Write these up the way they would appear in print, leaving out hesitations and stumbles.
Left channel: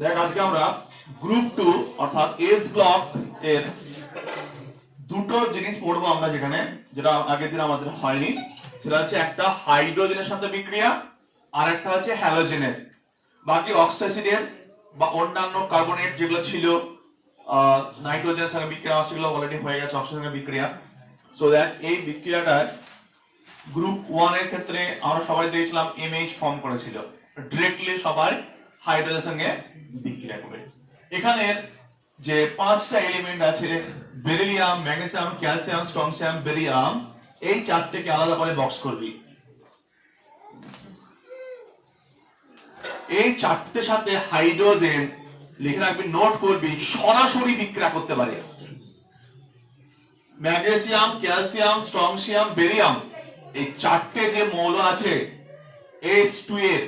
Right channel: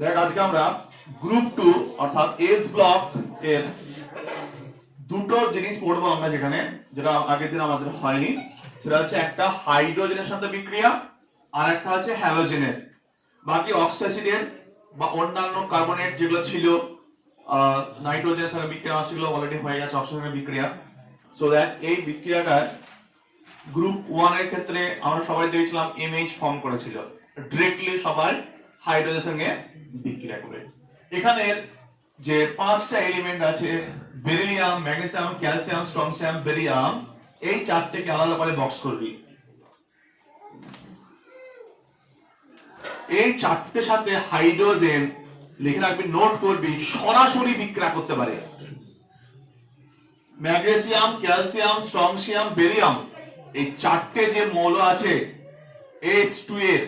দেখ আজকে আমরা গ্রুপ 2 অর্থাৎ এস ব্লক এর দুটো জিনিস পড়বো আমরা, যেটা আগের দিন আমাদের হয়নি। সেটা হচ্ছে একটা হাইড্রোজেনের সাথে বিক্রিয়া আর একটা হচ্ছে হ্যালোজেনের। বাকি অক্সিডের বা অন্যান্য কার্বনেট যেগুলো ছিল নাইট্রোজেনের সঙ্গে বিক্রিয়া সেগুলো অলরেডি হয়ে গেছে অক্সিজেনের বিক্রিয়া। সো দ্যাট এই বিক্রিয়াটা গ্রুপ 1 এর ক্ষেত্রে আমরা সবাই দেখলাম এমএইচ ফর্ম করেছিল, ডাইরেক্টলি সবাই হাইড্রোজেনের সঙ্গে বিক্রিয়া করবে। এখানে যে পাঁচটা এলিমেন্ট আছে beryllium, magnesium, calcium, strontium, barium, এই চারটেকে আলাদা করে বক্স করবি। এই চারটের সাথে হাইড্রোজেন লিখে রাখবি, নোট করবি, সরাসরি বিক্রিয়া করতে পারে। ম্যাগনেসিয়াম, ক্যালসিয়াম, স্ট্রনসিয়াম, বেরিয়াম, এই চারটে যে মৌল আছে S2 এর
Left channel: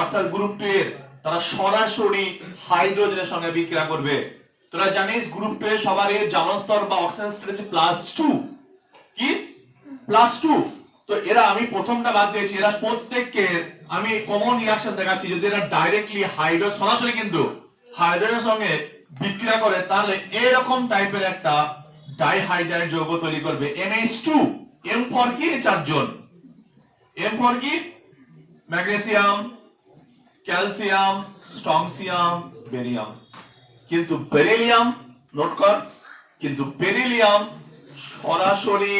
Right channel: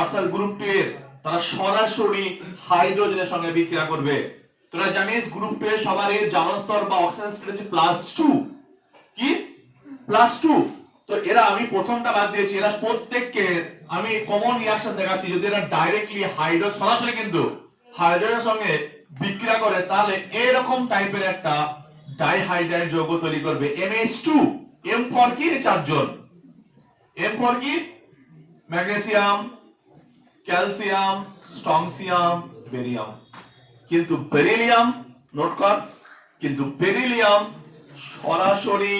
অর্থাৎ গ্রুপ 2 এর, তারা সরাসরি হাইড্রোজেনের সঙ্গে বিক্রিয়া করবে। তোরা জানিস গ্রুপ 2 এর সবার এর জারণ স্তর বা অক্সিজেন স্তর হচ্ছে +2। কি +2? তো এরা আমি প্রথমটা বাদ দিয়েছি, এরা প্রত্যেককে আমি কমন রিঅ্যাকশন দেখাচ্ছি। যদি এরা ডাইরেক্টলি সরাসরি কিন্তু হাইড্রোজেনের সঙ্গে বিক্রিয়া করে, তাহলে এরকম টাইপের একটা ডাইহাইড্রাইড যৌগ তৈরি করবে NH2। M ফর কি? চারজন। M ফর কি? Magnesium, calcium, strontium, barium. কিন্তু বেরিলিয়াম, নোট কর, কিন্তু বেরিলিয়াম সরাসরি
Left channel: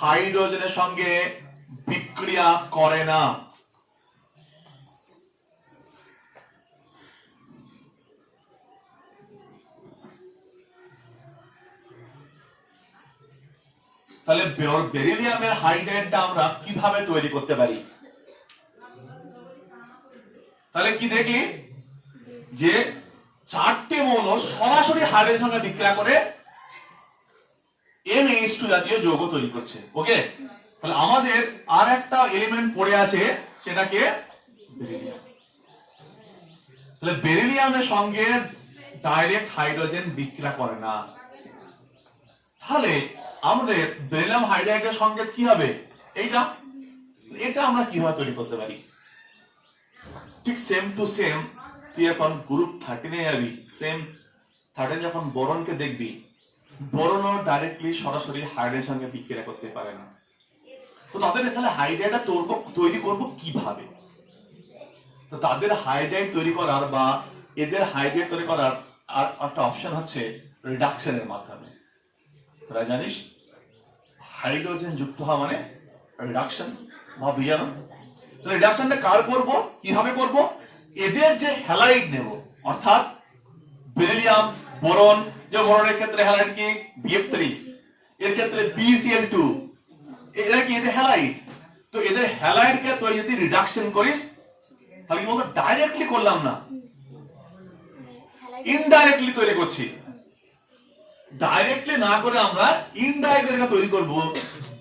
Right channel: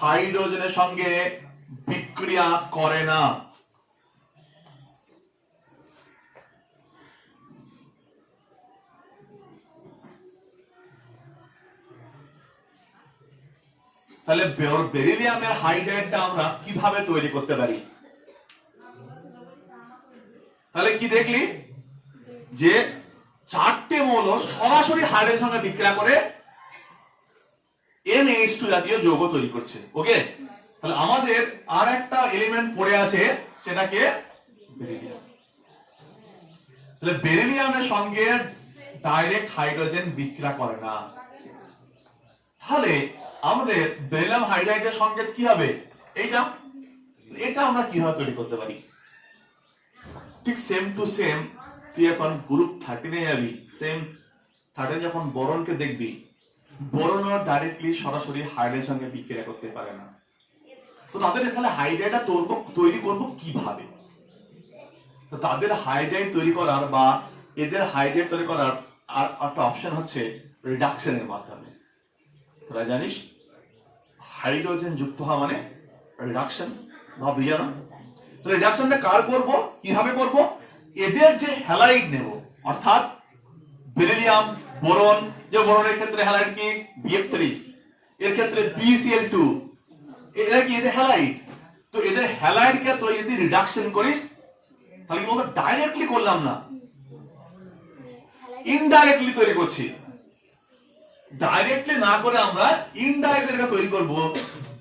হাইড্রোজেনের সঙ্গে বিক্রিয়া করে না। তাহলে বেরিলিয়ামের হাইড্রাইডটা আমরা কিভাবে তৈরি করতে পারি? তাহলে কি দেখলি যে চারটে মৌল সরাসরি হাইড্রোজেনের সঙ্গে বিক্রিয়া করে NH2 জাতীয় যৌগ তৈরি করছে। ওকে, তাহলে আমাদের আর একটা এলিমেন্ট পড়ে আছে, সেটাকে বেরিলিয়াম। তাহলে বেরিলিয়ামের সঙ্গে ডাইরেক্ট হাইড্রোজেন বিক্রিয়া করে না। তাহলে আমাদের বেরিলিয়াম হাইড্রাইডের সংকেত কি হবে? এটা আমরা কিভাবে তৈরি করতে পারি? ঠিক সেম টু সেম, তুই এখন গ্রুপ 13 এ যাবি, সেম 13 যখন বোরনকে দেখবি, বোরনও ডাইরেক্টলি সরাসরি হাইড্রাইডের সঙ্গে বিক্রিয়া করতে পারে না। তো তাদের তাহলে হাইড্রাইডটা তৈরি করব কিভাবে? তো তাদের হাইড্রাইড তৈরি করার বা এদের হাইড্রাইড তৈরি করার আর একটা অপশন হচ্ছে রিডাকশনের মাধ্যমে। তোরা জানিস হাইড্রোজেন যুক্ত হওয়া মানে রিডাকশন বা বিজারণ। তাহলে রিডাকশনটা কার করব, কিভাবে করব? এদের যে হ্যালাইড নেব, অর্থাৎ বেরিলিয়াম, বোরন, যে বোরনের ক্ষেত্রে হ্যালাইড কি? BF3, এর ক্ষেত্রে BCl2, এরা কি এদের হ্যালাইড। তো এদের হ্যালাইডকে তুই যদি রিডাকশন করিস, তাহলে কি বলবো? ডাইরেক্টলি করলাম না, ইনডাইরেক্টলি তৈরি করছি। ডাইরেক্টলি না করে আমরা ইনডাইরেক্টলি তৈরি করব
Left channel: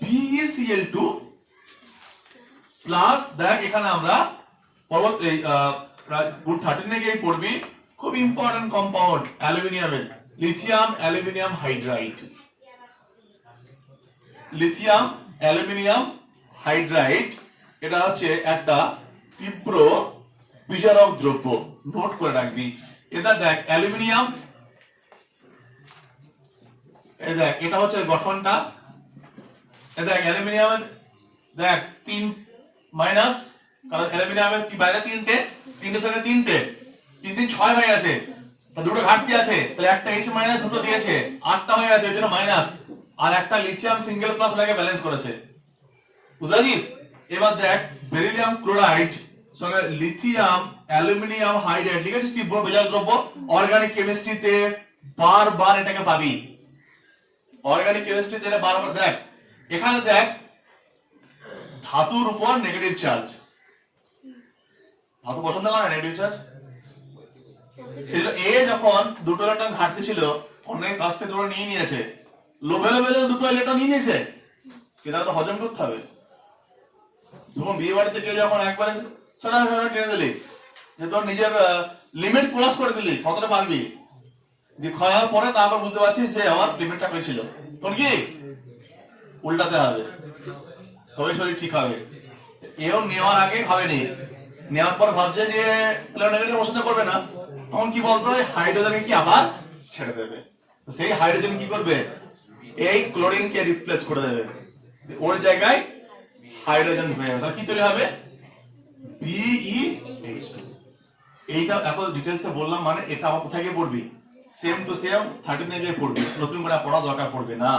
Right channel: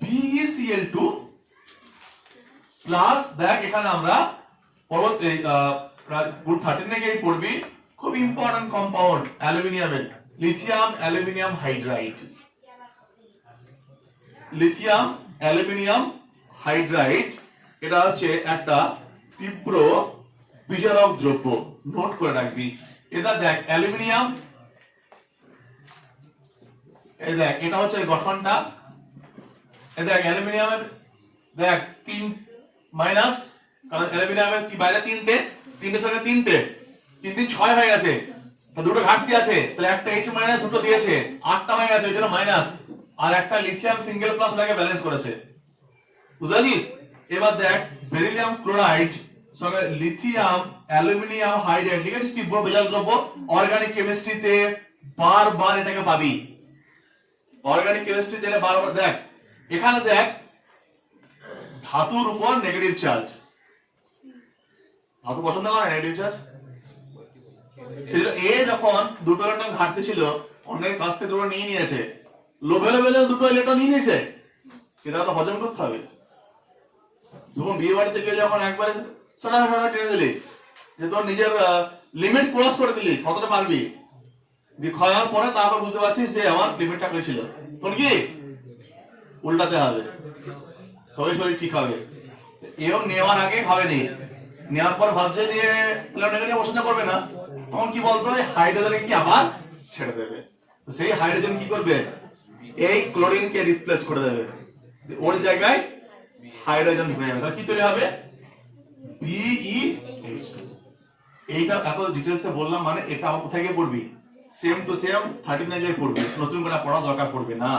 BeCl2 প্লাস, দেখ এখানে আমরা গ্রুপ 13 এ গিয়ে পড়বি, খুব ইম্পর্টেন্ট কম্পাউন্ড অ্যালুমিনিয়ামের, lithium aluminium hydride. Lithium aluminium hydride, এটা হচ্ছে একটা তীব্র বিজারক দ্রব্য, নোট করে রাখবি। এটা দেখ অ্যালুমিনিয়াম, এই দেখ এটা হচ্ছে গঠনটা, এই দেখ অ্যালুমিনিয়ামের দেখ 3 মাইনাস, কারণ অ্যালুমিনিয়ামের কি বাইরে তিনটের সঙ্গে তিনটে 3 3 6 হয়ে গেছে, দুটো ঘাটতি আছে, তাহলে একটা H মাইনাস দুটো দিয়েছে, 8টা হয়ে গেছে, ওই জন্য মাইনাস। আর একটা লিথিয়াম সিঙ্গেল প্লাস লাগে ব্যালেন্স করেছে, বুঝাছিস? এবার দেখ বেরিলিয়াম ক্লোরাইড সঙ্গে লিথিয়াম অ্যালুমিনিয়াম হাইড্রাইড, লিখেছিস তীব্র বিজারক দ্রব্য। অর্গানিক কেমিস্ট্রিতে বারবার এটাকে পাবি, অর্গানিক কেমিস্ট্রিতে বারবার। দেখ এখানে দেখ ধাতুর উপর নেগেটিভ চার্জ, ধাতু পছন্দ করে নেগেটিভ চার্জ। সেজন্য এ যখন দুটো ইলেকট্রন ঘাটতি ছিল, অন্যের কাছ থেকে দুটো নিয়ে নিয়েছে, লোভে দুটো ইলেকট্রন নিয়ে নিয়েছে, কিন্তু তো হজম করতে হবে। যখন বিয়ে বাড়িতে গিয়ে যখন একবারে ছোটা টেনে দিলি, যে তোর নিজের লিমিট ক্রস করে দিলি, কতটা পারবি, খাওয়ার পরে তারপর বুঝতে পারছিস যে আমার লিমিটটা পেয়েছিল, তোর কি উল্টাতে হবে, তবে শরীর ঠিক হবে। এও নেওয়ার আগে ভাবেনি, নেওয়ার পর ভাবছে যে নেগেটিভ পছন্দ করবে না, তখন কি বলতো হাইড্রোজেন কি আবার ছেড়ে দেবে, তো সেই হাইড্রোজেন কি করবে এই ক্লোরিনকে রিপ্লেস করে দেবে, ওর জায়গায় হাইড্রোজেন হয়ে যাবে, তাহলে কি তৈরি হবে BeH2। এইটা এত ডিটেইলসে বললাম মানে এটা কোথায় গিয়ে পড়বি সেম টু সেম 39 এ পড়বি, নতুন করে পড়া দরকার পড়বে না,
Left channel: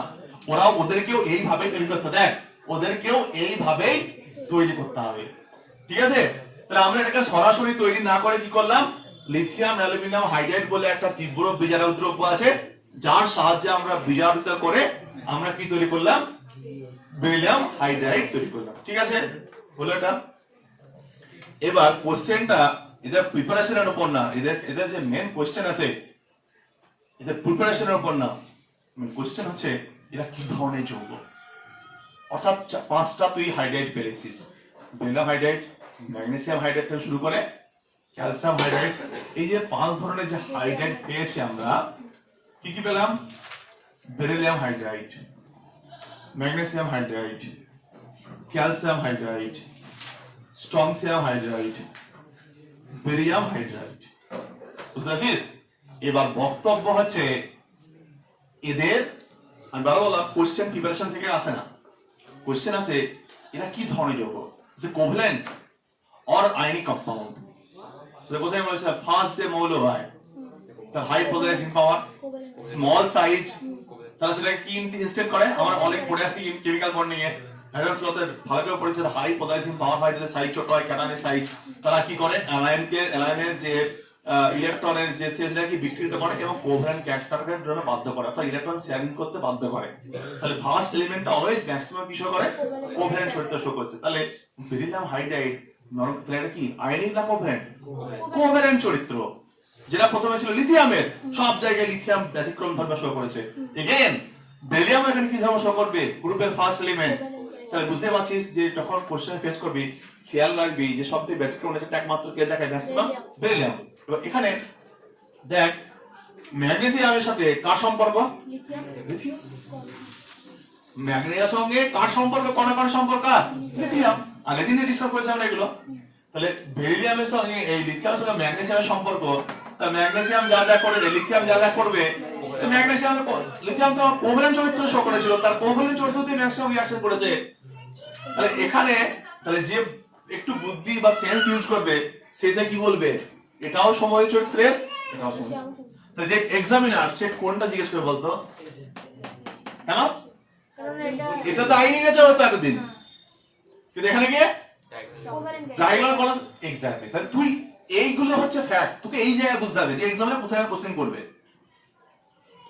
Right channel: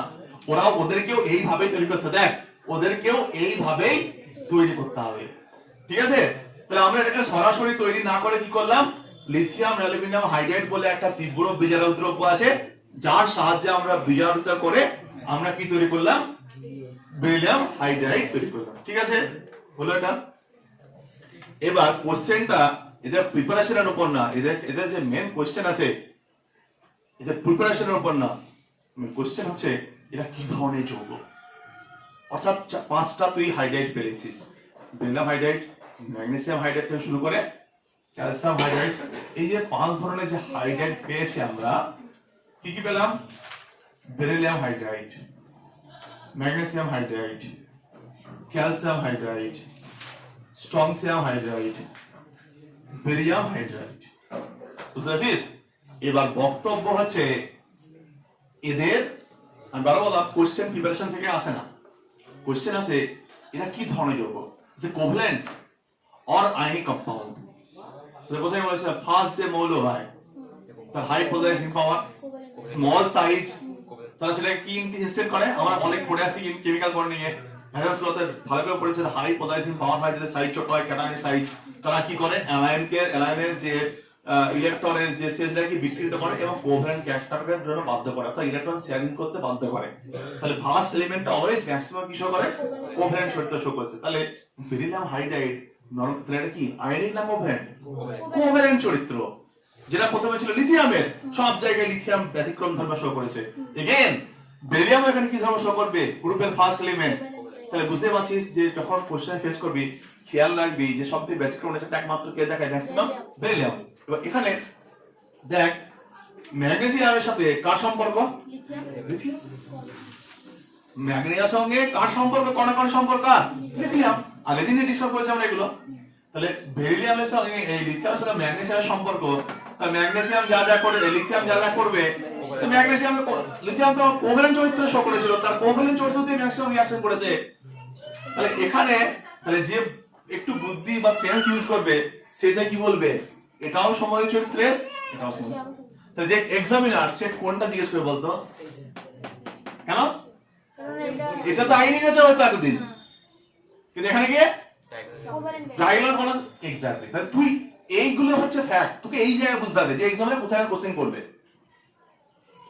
ওরাও ওদেরকেও এইভাবেই তৈরি করতে, দেখ ওদেরকেও এইভাবেই তৈরি করতে হবে, ঠিক আছে। তাহলে আমরা এটাকে সরাসরি তৈরি না করে কি করলাম, লিথিয়াম অ্যালুমিনিয়াম হাইড্রাইড বলে একটা তীব্র বিজারক দ্রব্য আছে, যার সাহায্যে আমরা বিজারকতা করে আমরা কি তৈরি করলাম বেরিলিয়াম হাইড্রাইড তৈরি করলাম, ঠিক আছে হলো এটা। এবার কোশ্চেনটা এদের প্রিপারেশনের উপর না, এদের যে মেন কোশ্চেন আছে এদের প্রিপারেশনের উপর না, কোশ্চেন হচ্ছে এরা কি ধরনের যৌগ, অর্থাৎ পাঁচটা তুই হাইড্রাইড পেয়েছিস, বেরিলিয়াম হাইড্রাইড, ম্যাগনেসিয়াম হাইড্রাইড থেকে শুরু করে ক্যালসিয়াম হাইড্রাইড, এই যে পাঁচ ধরনের যে হাইড্রাইড পেয়েছি আমরা, কি কি পেলাম beryllium hydride, magnesium hydride, calcium hydride, strontium hydride, barium hydride, বুঝতে পারছিস। এবার বক্তব্য হচ্ছে এদের আমি বারবার বললাম কোশ্চেন প্রিপারেশন থেকে আসে না, কোশ্চেন আছে এরা কি ধরনের যৌগ, যে কোভ্যালেন্ট অর আয়নিক কম্পাউন্ড, কোথায় বলেছে ফার্স্ট যে মৌল হয় তার হাই পোলারাইজিং পাওয়ার, স্মল সাইজ, তারা সেটাকে কি ইনস্টেট করে, আমরা অনেক পড়ে আসি কেমিক্যাল বন্ডিং এ হ্যাজার্স লতে ভালো করে পড়েছে, হাই পোলারাইজিং পাওয়ার হয় যদি সাইজ ছোট হয় ক্যাটায়নিক সাইজ, তারা কি করে অ্যালাইনের যে ইলেকট্রনের যে সেজটাকে বিকৃত করে এবং কোভ্যালেন্ট ক্যারেক্টারের জন্য বাধ্য করে, অর্থাৎ ইলেকট্রন শেয়ারিং করতে বাধ্য করে, তাহলে ফার্স্ট এলিমেন্টটা অলওয়েজ ম্যাক্সিমাম কি শো করে কোভ্যালেন্ট চরিত্র শো করছে, তাহলে বেরিলিয়াম হাইড্রাইড নরমালি কি আয়নিক না কোভ্যালেন্ট চরিত্র, যেটা প্রথমে ছিল লিথিয়ামের, সব জায়গায় লিথিয়াম ব্যতিক্রম ধর্ম শো করেছে, এগেইন বেরিলিয়াম এখানে কি ধর্ম শো করবে গ্রুপের ফার্স্ট এলিমেন্ট, তাহলে বুঝতে পারছিস যে যখন কোশ্চেন ফেস করবি খেয়াল রাখবি যে সবথেকে ব্যতিক্রম এটা একমাত্র কে দেখায় ম্যাক্সিমাম বেরিলিয়াম। এবার এখানে দেখ ম্যাগনেসিয়ামের সাথে কার সম্পর্ক, লিথিয়াম, ম্যাগনেসিয়ামের সঙ্গে কার সম্পর্ক, কোন সম্পর্ক লিথিয়াম, আগের দিনে ডিসকাস করেছি আমরা এগুলো, তাহলে বেরিলিয়ামের সঙ্গে এই লিথিয়ামের সঙ্গে ম্যাগনেসিয়ামের সম্পর্ক, তাহলে ম্যাগনেসিয়াম যা যা করে লিথিয়াম যা যা করবে, তো ম্যাগনেসিয়াম লিথিয়াম তো কোভ্যালেন্ট চরিত্র শো করেছিল, তার কোভ্যালেন্ট চরিত্র দিয়ে ম্যাক্সিমাম রিঅ্যাকশন করেছে, তাহলে এখানে তাহলে যে একটু বুদ্ধি বা সেন্স ইউজ করবে সেটা কি বলবে এটাও সময় চরিত্রের, এটাও সময়, তাহলে যে এক্সামিনার সে কোনটা জিজ্ঞেস করে বলতো, কেন এটা তো আইনি কাছে হতো এতদিন, কিন্তু এখানে গিয়ে ডায়লগ বলা এক্স্যাক্টলি, তাহলে তুই এইগুলো হচ্ছে ফ্যাক্ট, তোকে এই জায়গায় বুঝতে হবে যে এক্সামে কোথায় কোশ্চেন করবে,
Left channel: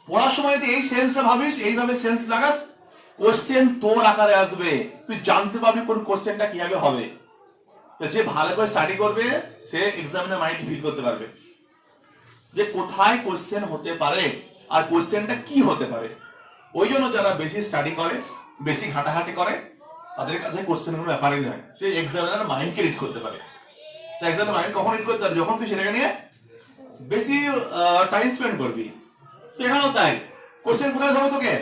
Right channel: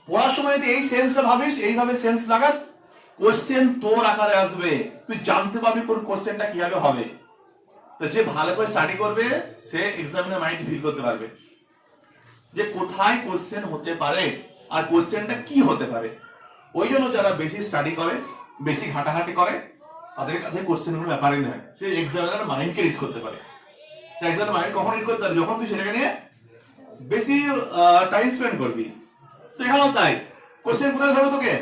পড়ার সময় যদি এই সেন্সটা ভাবিস, এইভাবে সেন্স লাগাস, কোশ্চেন তোর আকারে আসবে, তুই জানতে পারবি কোন কোশ্চেনটা কিভাবে হবে, তো যে ভালো করে স্টাডি করবে সে এক্সামিনের মাইন্ড ফিল করতে পারবে যে কোথায় কোশ্চেন হতে পারে আর কোশ্চেনটা কি হতে পারে, ওই জন্য যারা বেশি স্টাডি করে বেশি ঘাটাঘাটি করে তাদের কাছে কোশ্চেনগুলো ব্যাপারই নয়, সে এক্সামিনার মাইন্ডকে রিড করতে পারে, তাই এক্সামিনার মাইন্ড কখন রিড করতে পারে যখন তুই সেটাকে নিয়ে বেশি টাইম স্পেন্ড করবি, তো এখানেও তাই কোশ্চেন কোথায় যাবে তোকে,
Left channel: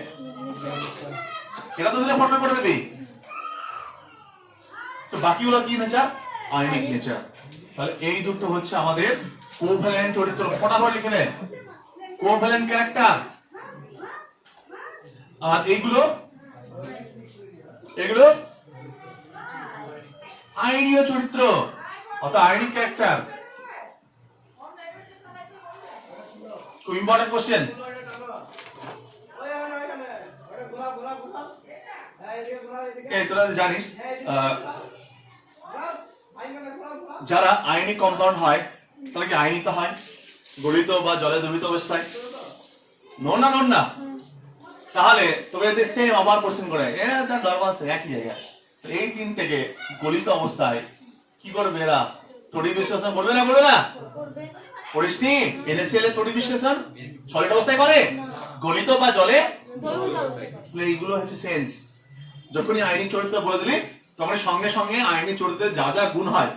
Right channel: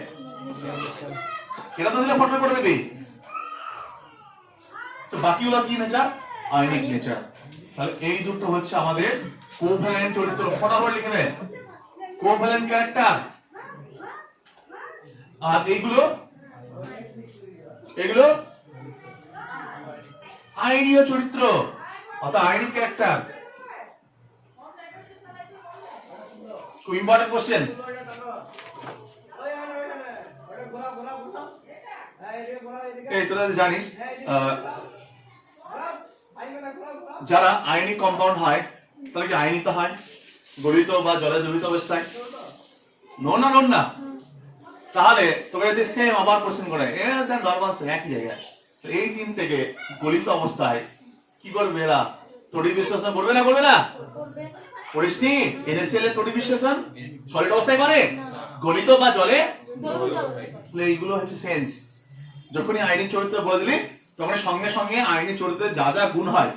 এটা তো দিলে ফটো করে দিবি, তো বাকিগুলো কি নেচার আয়নিক নেচার, তাহলে এই দুটো হচ্ছে আমাদের কোভ্যালেন্ট চরিত্র, ফটাফট লিখে নে কোভ্যালেন্ট ক্যারেক্টার, আর এগুলো আয়নীয় চরিত্র অর্থাৎ আয়নিক ক্যারেক্টার, খুব ইম্পর্টেন্ট কোশ্চেন। এই তোরা জানিস যারা আয়নিক কম্পাউন্ড হয় তাহলে কি আয়নিত হয় গলিত বা জলে দ্রবীত অবস্থায়, নন না, তাহলে তোকে যদি সেম আবার কোশ্চেন করে একই জায়গায়, তো এই তিন থেকে গলিত অবস্থায় কি করবে এরা তড়িৎ বিশ্লেষণ করবে না পড়িসনি, NaCl এর তড়িৎ বিশ্লেষণ সলিড অবস্থায় করে, গলিত বা জলে, এইগুলো হচ্ছে সেন্স, যখনই আয়নিক চরিত্র বলে দিলি তখন সঙ্গে সঙ্গে আয়নিক চরিত্রের যা যা গুণ হয়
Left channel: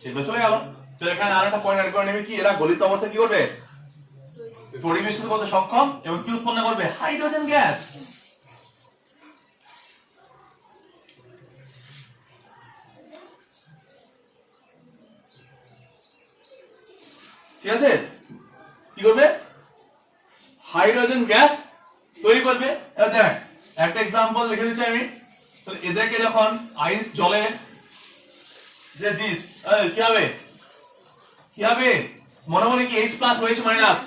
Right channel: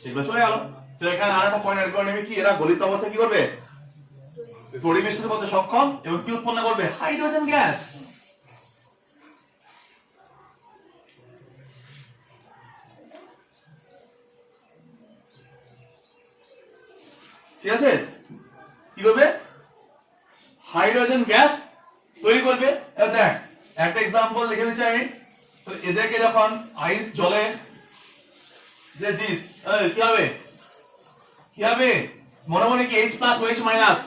সেগুলো চলে গেল, তো এখানে আর একটা পয়েন্ট অ্যাড করে নেবে কি এরা গলিত অবস্থায় কি করবে তড়িৎ বিশ্লেষণ করতে সক্ষম এবং কি উৎপন্ন করবে হাইড্রোজেন গ্যাস, ঠিক আছে। কি করবে? হাইড্রোজেন গ্যাস তৈরি করবে। দেখ একটা এক্সাম্পল লিখে দিচ্ছি আমি। এদেরকে যখন জলে যে দিস কি হবে? কি হবে? মনে মনে কি H plus OH minus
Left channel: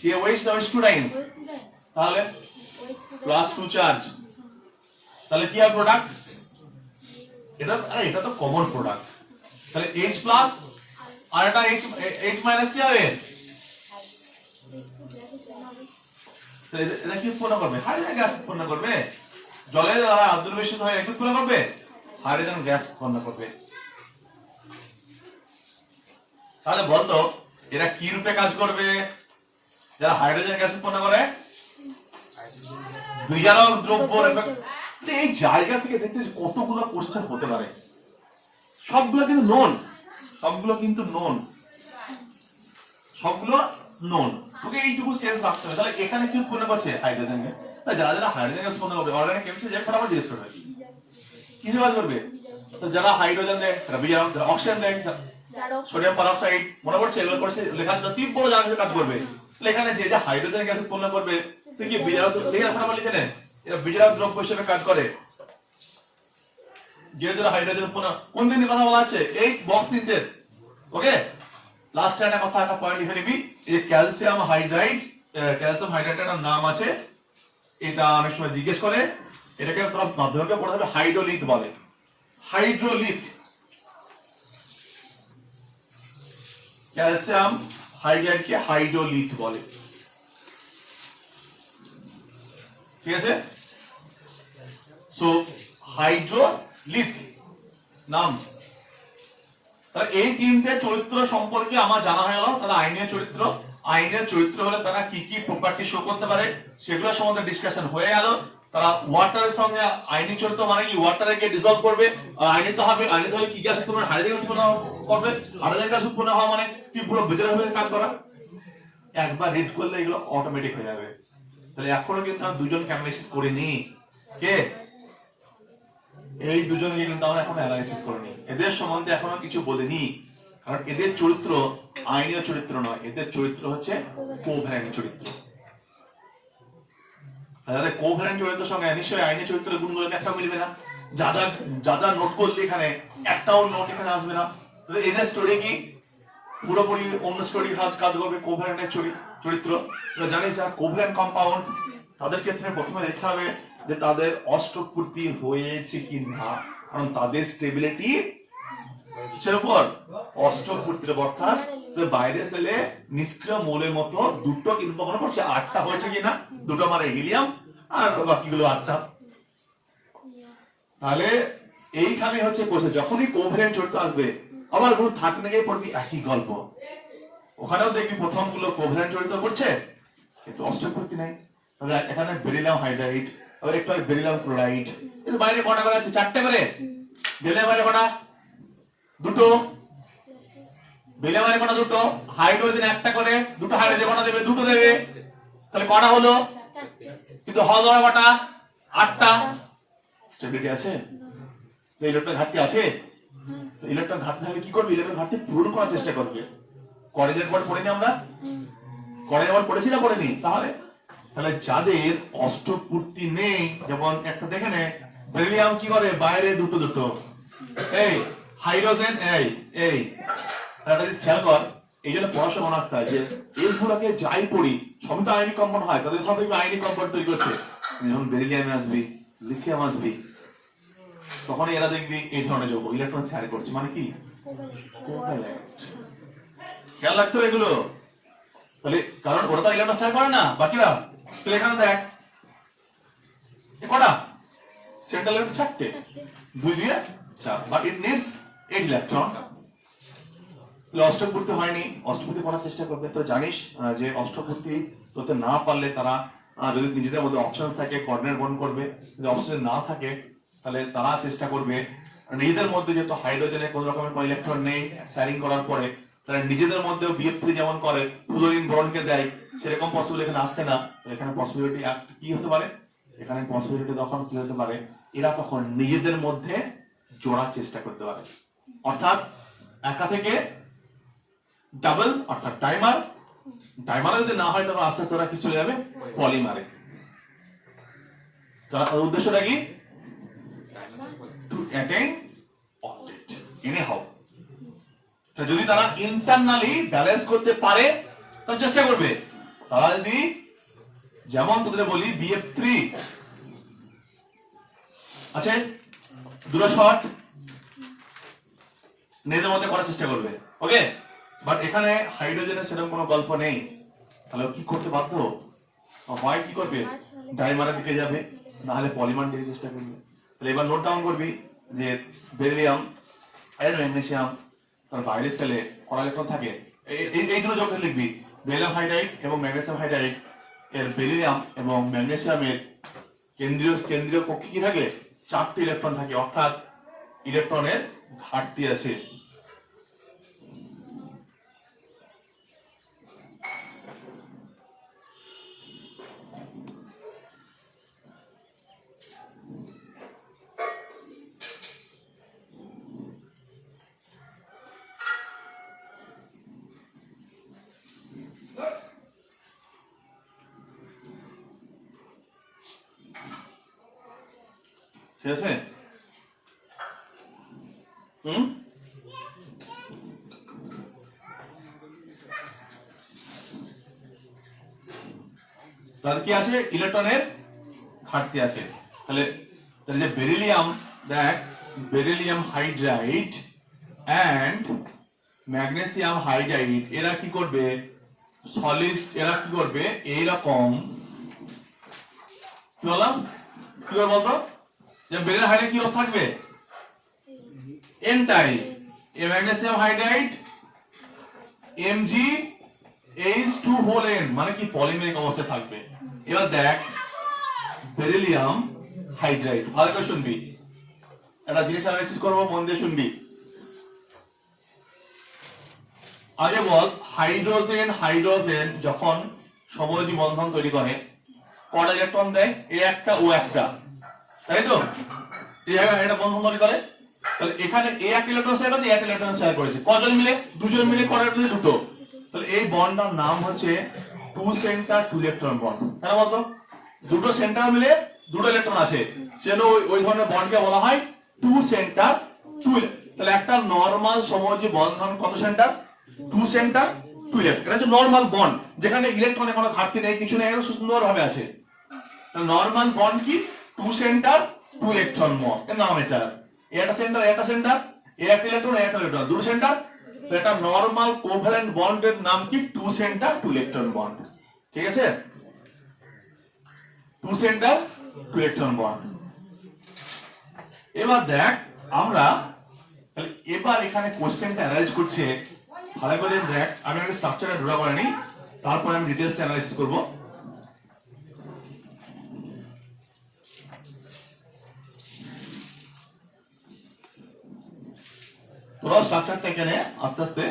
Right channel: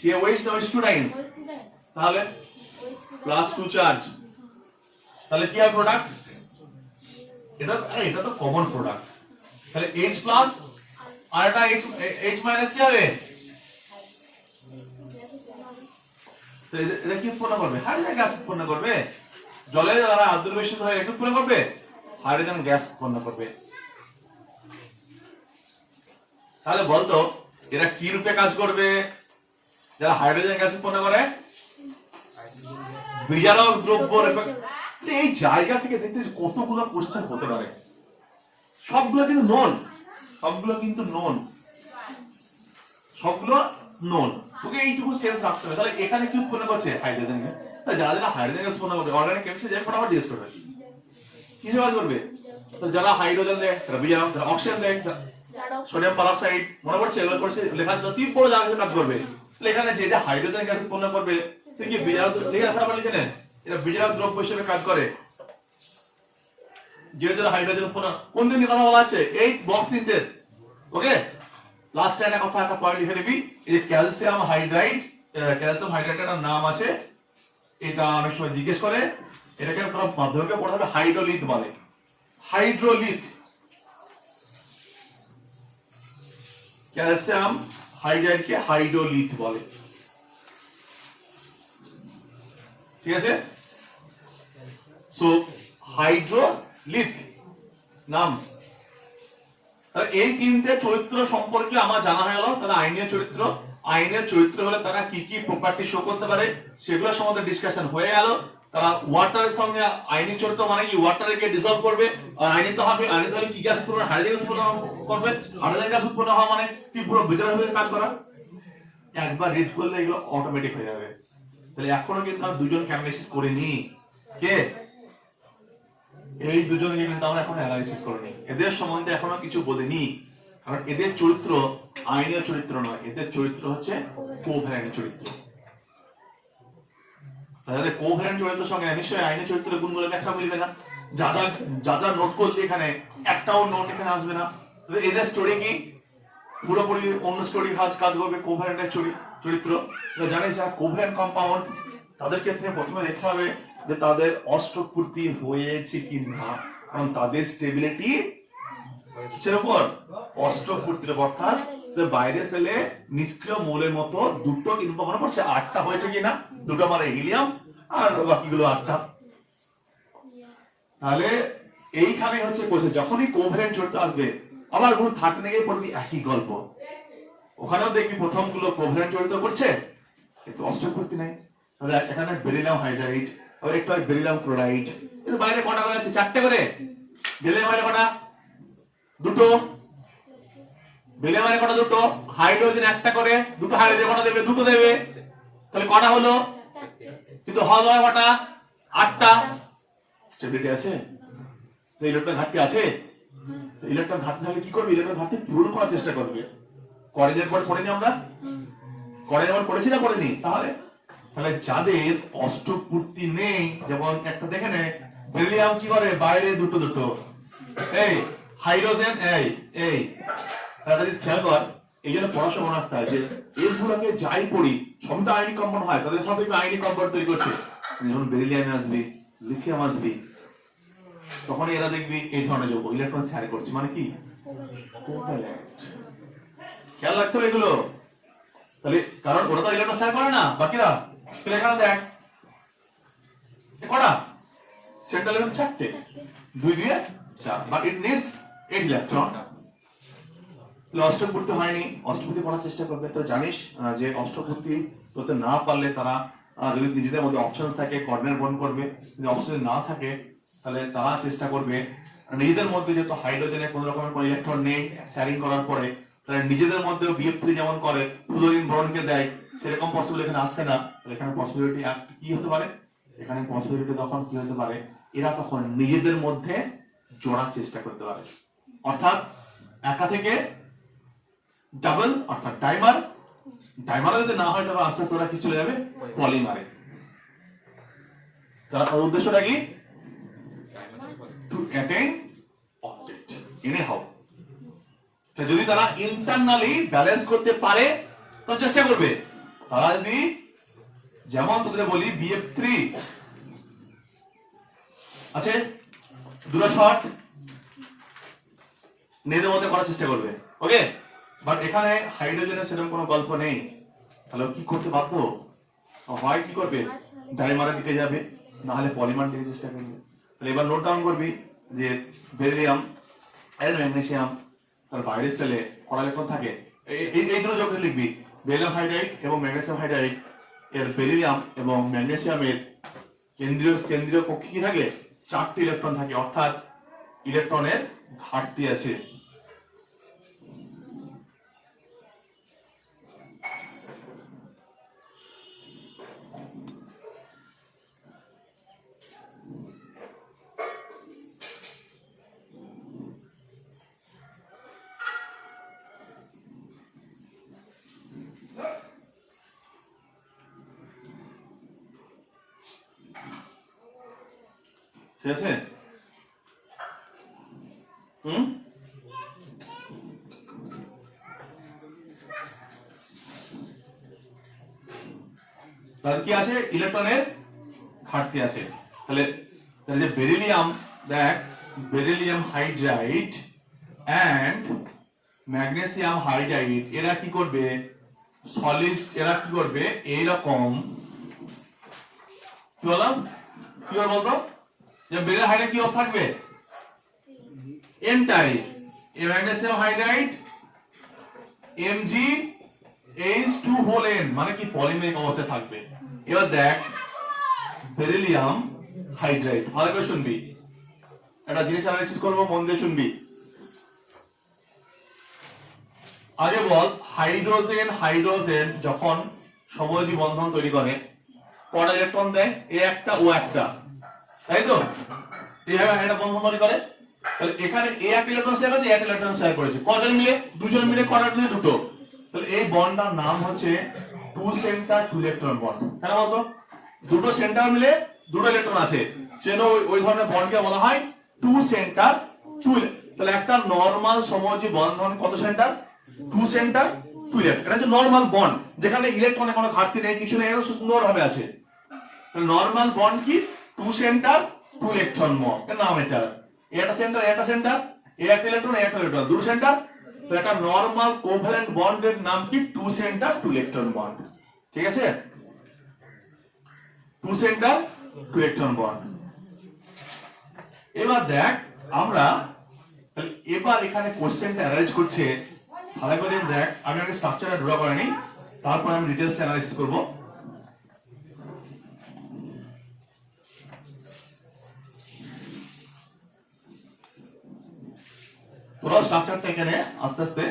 COH না OH2 টাইমস, তাহলে প্লাস 2 চার্জ, তাহলে কি হবে প্রোডাক্ট? এটা তো কমন প্রোডাক্ট। তাহলে H প্লাস আর এটা H মাইনাস কি হবে? এটা কি উৎপন্ন করবে? হাইড্রোজেন গ্যাস উৎপন্ন করবে। জলে যারা আদ্র মিশ্রিত হয় কি উৎপন্ন করবে? হাইড্রোজেন গ্যাস উৎপন্ন করবে। তাহলে বলতো এরা কি রূপে কাজ করবে? যারা হাইড্রোজেন গ্যাস উৎপন্ন করে বিজারক দ্রব্য রূপে। এই জায়গা থেকে দেখতে কতগুলো কোশ্চেন হতে পারে, সবগুলো কিন্তু নন, সবগুলো কিন্তু নন, সবগুলো নন। তোকে এইটুকু সেন্স রাখতে হবে। তাহলে এখানে কি উৎপন্ন করছে? Hydrogen gas. যারা যারা হাইড্রোজেন গ্যাস উৎপন্ন করবে অর্গানিক কেমিস্ট্রি যে ফটাফট জিজ্ঞেস করবে কিসে কাজ করবে। তো যারা হাইড্রোজেন দেয়, বিজারক, অক্সিজেন দেয়, সোডিয়াম পারঅক্সাইড, মনে পড়ছে এগুলো পড়ছে লেখা ছিল তীব্র জারকের কাজ করবে। তাহলে এখানে যে যে হাইড্রোজেন গ্যাস উৎপন্ন করবে সে কি বিজারক লিখে রাখা বলে কেন? এটা বিজারক দ্রব্য হিসেবে কাজ করে। যে যে হাইড্রোজেন উৎপন্ন কোন দিনের কথা বলা আছে? এই বক্স নিতে। ওকে, লাস্ট একটা কথা, একটা পয়েন্ট লিখে নিবি। এই যে ক্যালসিয়াম হাইড্রাইড, ক্যালসিয়াম হাইড্রাইডের নাম আছে, এটা অনেক সময় জিজ্ঞেস করে। এটাকে তোরা মাধ্যমিকে পড়তে হবে হাইড্রোলিথ বলে। হাইড্রোলিথ, ক্যালসিয়াম হাইড্রাইডকে হাইড্রোলিথ বলে। ঠিক আছে? সো হাইড্রোলিথ নাম। এই তিনটে চরিত্র সম্পর্কে আমার জানা হয়ে গেল। তাহলে আইনের চরিত্র, আইনের চরিত্র হলে তারা কি কি প্রপার্টি শো করতে পারে সেগুলো সম্বন্ধে ডিসকাশন হয়ে গেল। তারা ওয়াটারের সঙ্গে আইনি চরিত্র মানে কি ওয়াটারে গিয়ে ডিসলভ করবে। আইনি তো হবে, আইনি তো কি গ্যাস উৎপন্ন? হাইড্রোজেন গ্যাস উৎপন্ন করবে। হাইড্রোজেন গ্যাস উৎপন্ন হওয়া মানে তীব্র বিজারক কাজ করা। একবার রিড করলে এগুলো অটোমেটিক হয়ে যাবে। তাহলে এখনো কিন্তু আমরা দুজন অ্যানালাইসিস করিনি। কে? এই দুজনকে কিন্তু আমরা এখন অ্যানালাইসিস করিনি। এদের সম্বন্ধে এখনো কিছু বলিনি, কারণ এদের চরিত্র আইনীয় চরিত্র নয়, এদের চরিত্র হচ্ছে কোভ্যালেন্ট চরিত্র। তাহলে কোভ্যালেন্ট চরিত্রের সঙ্গে নিশ্চয়ই আইনি চরিত্রের গুণগুলো একটা মিলবে না। যা যা নোট করলে এখানে একটাও নোট এখানে আসবে না। এদের স্টোরি কি পুরোপুরি অন্য স্টোরি কাজ করবে। কোভ্যালেন্টের চরিত্র জানি যারা কোভ্যালেন্ট কম্পাউন্ড তাদের ক্ষেত্রে প্রথমে দেখতে হবে যে তাদের অষ্টপূর্তি হয়েছে কি না, কারণ তাদের স্টেবিলিটি কিসের উপর? অষ্টপূর্তির উপর। অর্থাৎ বাইরে সেলে নিষ্ক্রিয় মৌলের মতো দুটো কিন্তু মনে করছে আটটা হয়েছে কিনা, দুটো মানে হিলিয়াম আর বাকিগুলো আটটা। তাহলে এইখানে হচ্ছে কোর্সে যখনই কোভ্যালেন্ট চরিত্র আসবে আবার গ্রুপ 13 গিয়ে পড়বি একই গল্প। ওখানেও দেখবি প্রথম গুলো কোভ্যালেন্ট চরিত্র করছে কিন্তু অষ্টপূর্তি নাই। তাহলে এখানে বেরিলিয়াম হাইড্রাইড, আবার একটু বেরিলিয়াম ক্লোরাইড, কিন্তু বাইরে কটা করে আছে? 4টে করে। বেরিলিয়াম বাইরে কটা? দুটো। বেরিলিয়াম বাইরে কটা? দুটো। হাইড্রোজেন একটা করে, দুটো হাইড্রোজেন কটা দেবে? দুটো দেবে। তাহলে কটা হলো? কিন্তু হল কটা? 8টা। স্টেবিলিটি আছে? ইলেকট্রন ঘাটতি আছে? ইলেকট্রন ঘাটতি থাকলে কি করবে? ইলেকট্রন ঘাটতি পূরণ করার চেষ্টা করবে। করেজের পর পড়িনি আমরা? করেজের পর পড়েছি না পড়েনি? তাহলে যাদের অষ্টপূর্তি নেই, যেমন একটা দেখে নে বেরিলিয়াম কি করে? বাইরে দুটো দুটো। এই হাইড্রোজেন এই খেয়াল কর। এই জন্য পড়াশোনা মনে রাখতে হয় যে এস গুলোকে যাই পড়ি সবই তো আইনি কম্পাউন্ড হয়, তাদের সব আইনি কম্পাউন্ড তৈরি করছে। যখন বেরিলিয়াম আসবি, লিথিয়াম আসবি, তখন এরা দেখবি এই ধরনের যৌগ ইলেকট্রন শেয়ার করছে, মানে কি খেয়াল রাখতে হবে এগুলো। তাহলে কারণ ওরা তো ইলেকট্রন শেয়ার করে না বাকিরা। তাহলে এখানে দেখ কটা সেন্ট্রাল ইলেকট্রন? 4টে, 2 দিয়ে 4, বাট ইট নিডস 8 ইলেকট্রন। অষ্টপূর্তি হয়নি, অষ্টপূর্তি করার চেষ্টা করবে। তো জানিস যে অষ্টপূর্তি করতে না পারলে তারা যদি নিজেদের মধ্যে অপশনস থাকে কোঅর্ডিনেট বন্ড করবে, যদি অপশন না থাকে তাহলে তারা চেষ্টা করবে নিজেদের মধ্যে, যেহেতু হাইড্রোজেনের কোন রকমের কোন ইলেকট্রন নেই শেয়ারিং করার পরে, তাহলে নিজেদের মধ্যে BF3 যেমন করে ফ্লোরিন বোরনকে দেয়, সেরকম পসিবল এখানে আসছে না। এখানে পসিবিলিটি কি হতে পারে? এখানে পসিবিলিটি তখন কি হতে পারে? এরা তখন নিজেদের মধ্যে জোড়ার চেষ্টা করতে পারে। অর্থাৎ একা থেকে ডাবল অর্থাৎ ডাইমার, ডাইমারে যদি না হয় তবে আস্তে আস্তে ওরা কি চলে যাবে পলিমারে। তার উদ্দেশ্যটা কি? To attain object anyhow. যদি তারা ইন্টারনালি ব্যালেন্স করতে পারে তাহলে চেষ্টা করবে। তারা যদি যেমন তোদের বলি BF3 আছে, দুটো শর্ট নিজেদের মধ্যে করার চেষ্টা করবে, ওকে। বাট এখানে হাইড্রোজেনের সেরকম কোনো গল্প নেই, তাহলে কি করতে বাধ্য হয়, কি করবে ডাইমারের দিকে যাবে, না হলে পলিমার দিকে চেষ্টা করবে। তাহলে এবার নোট ডাউন করবি যে বেরিলিয়াম এর ম্যাগনেসিয়াম তার বাইরের সেলে কড়া ইলেকট্রন থাকে, এই দুটো যোগ লিখবি, বেরিলিয়াম হাইড্রাইড এবং ম্যাগনেসিয়াম হাইড্রাইড এর বেরিলিয়াম এবং ম্যাগনেসিয়ামের কেন্দ্রীয় কক্ষে কি থাকে 4টি ইলেকট্রন থাকে, অর্থাৎ ইলেকট্রনের ঘাটতি আছে। ঠিক আছে? তাহলে কি আছে? ইলেকট্রনের ঘাটতি আছে। তাহলে যে বেরিলিয়াম, দেখ beryllium hydride and magnesium hydride এরা কি করবে, সলিড, এরা কি করবে এইরকম, কি বললাম, কি বল বলতো, যে বেরিলিয়াম হাইড্রাইড কি অবস্থা থাকবে এন টাইপ, এই magnesium hydride Mg(H2) whole n মানে কি পলিমেরিক অবস্থায় থাকবে। এবার দেখ বেরিলিয়াম হাইড্রাইড, ভালো করে শুনবি, একটা জিনিস অ্যানালাইসিস করব, মন দিয়ে শুনবি। আগে বল হাইড্রোজেন হাইড্রোজেন যখন সমযোজী বন্ধন তৈরি করে কটা ইলেকট্রন দেয়, এ একটা ও একটা, তাই তো? এইভাবে একটা বন্ধন তৈরি করে। তাহলে এখানে এ একটা ইলেকট্রন শেয়ার করেছে, এক ইলেকট্রন শেয়ার করেছে, কজন মিলে? দুজন মিলে, কটা মিলে? দুটো। তাহলে এই বন্ডটার নাম হচ্ছে two centre two electron bond. কেন বলতো? দুটো সেন্টার মিলে দুটো ইলেকট্রন আছে, সেজন্য ওই ধরনের বন্ডকে বলা হয় টু সেন্টার টু। তাহলে একটা নরমাল সমযোজী বন্ধন কত সেন্টার? Two centre two electron. এটা হচ্ছে নরমাল বন্ড, যেখানে ইলেকট্রনের কোনো ঘাটতি নেই, কিছু নেই, সুন্দর ভাবে আছে। নরমাল বন্ড কি? Two centre two electron bond, এর নাম এটা। একটা সেন্টার একটা সেন্টার, একটা ইলেকট্রন একটা ইলেকট্রন, দুটো সেন্টার। তো এটা নরমাল কোভ্যালেন্ট বন্ডের নাম কি? Two centre two electron bond. ঠিক আছে? Two centre two electron bond. এবার দেখ আমরা এবার এখানে কোশ্চেনটা অ্যানালাইজ করছে, ভালো করে দেখ। আমি একটা স্ট্রাকচারটা ড্র করে নিই, তারপর আমি ডিটেইলস অ্যানালাইসিস করব। তোরা স্ট্রাকচারটা এখানে আস্তে আস্তে,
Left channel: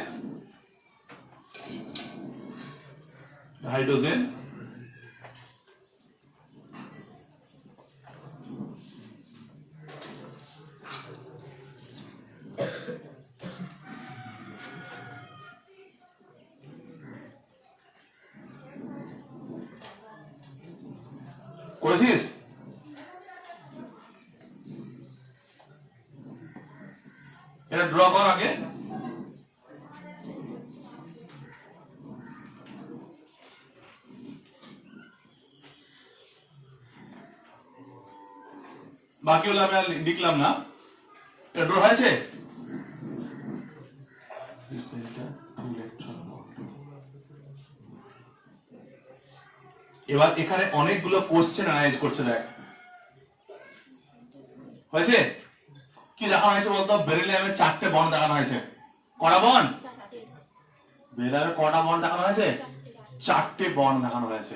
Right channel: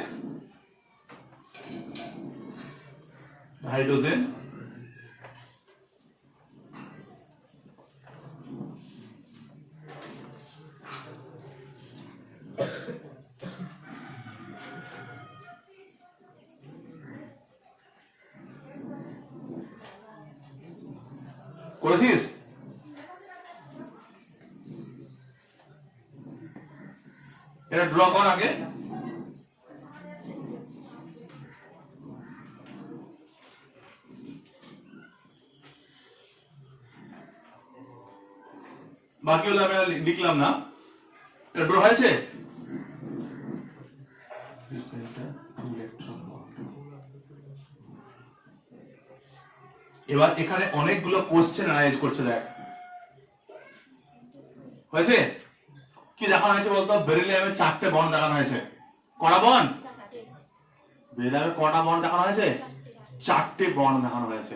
হাইড্রোজেন করেছিস? এটা ড্র কর আগে। বাকি হলো আমি লিখলাম না, এটা ড্র হয়েছে। এবার এখানে অনেকগুলো কোশ্চেন অ্যানালাইজ করছে, দেখ হয়েছে কি দেখানো হয়েছে বলতো? বেরিলিয়ামের 4টে বন্ড দেখানো হয়েছে। কটা বন্ড? বেরিলিয়ামের কটা বন্ড দেখানো হয়েছে? 4টে বন্ড দেখানো হয়েছে।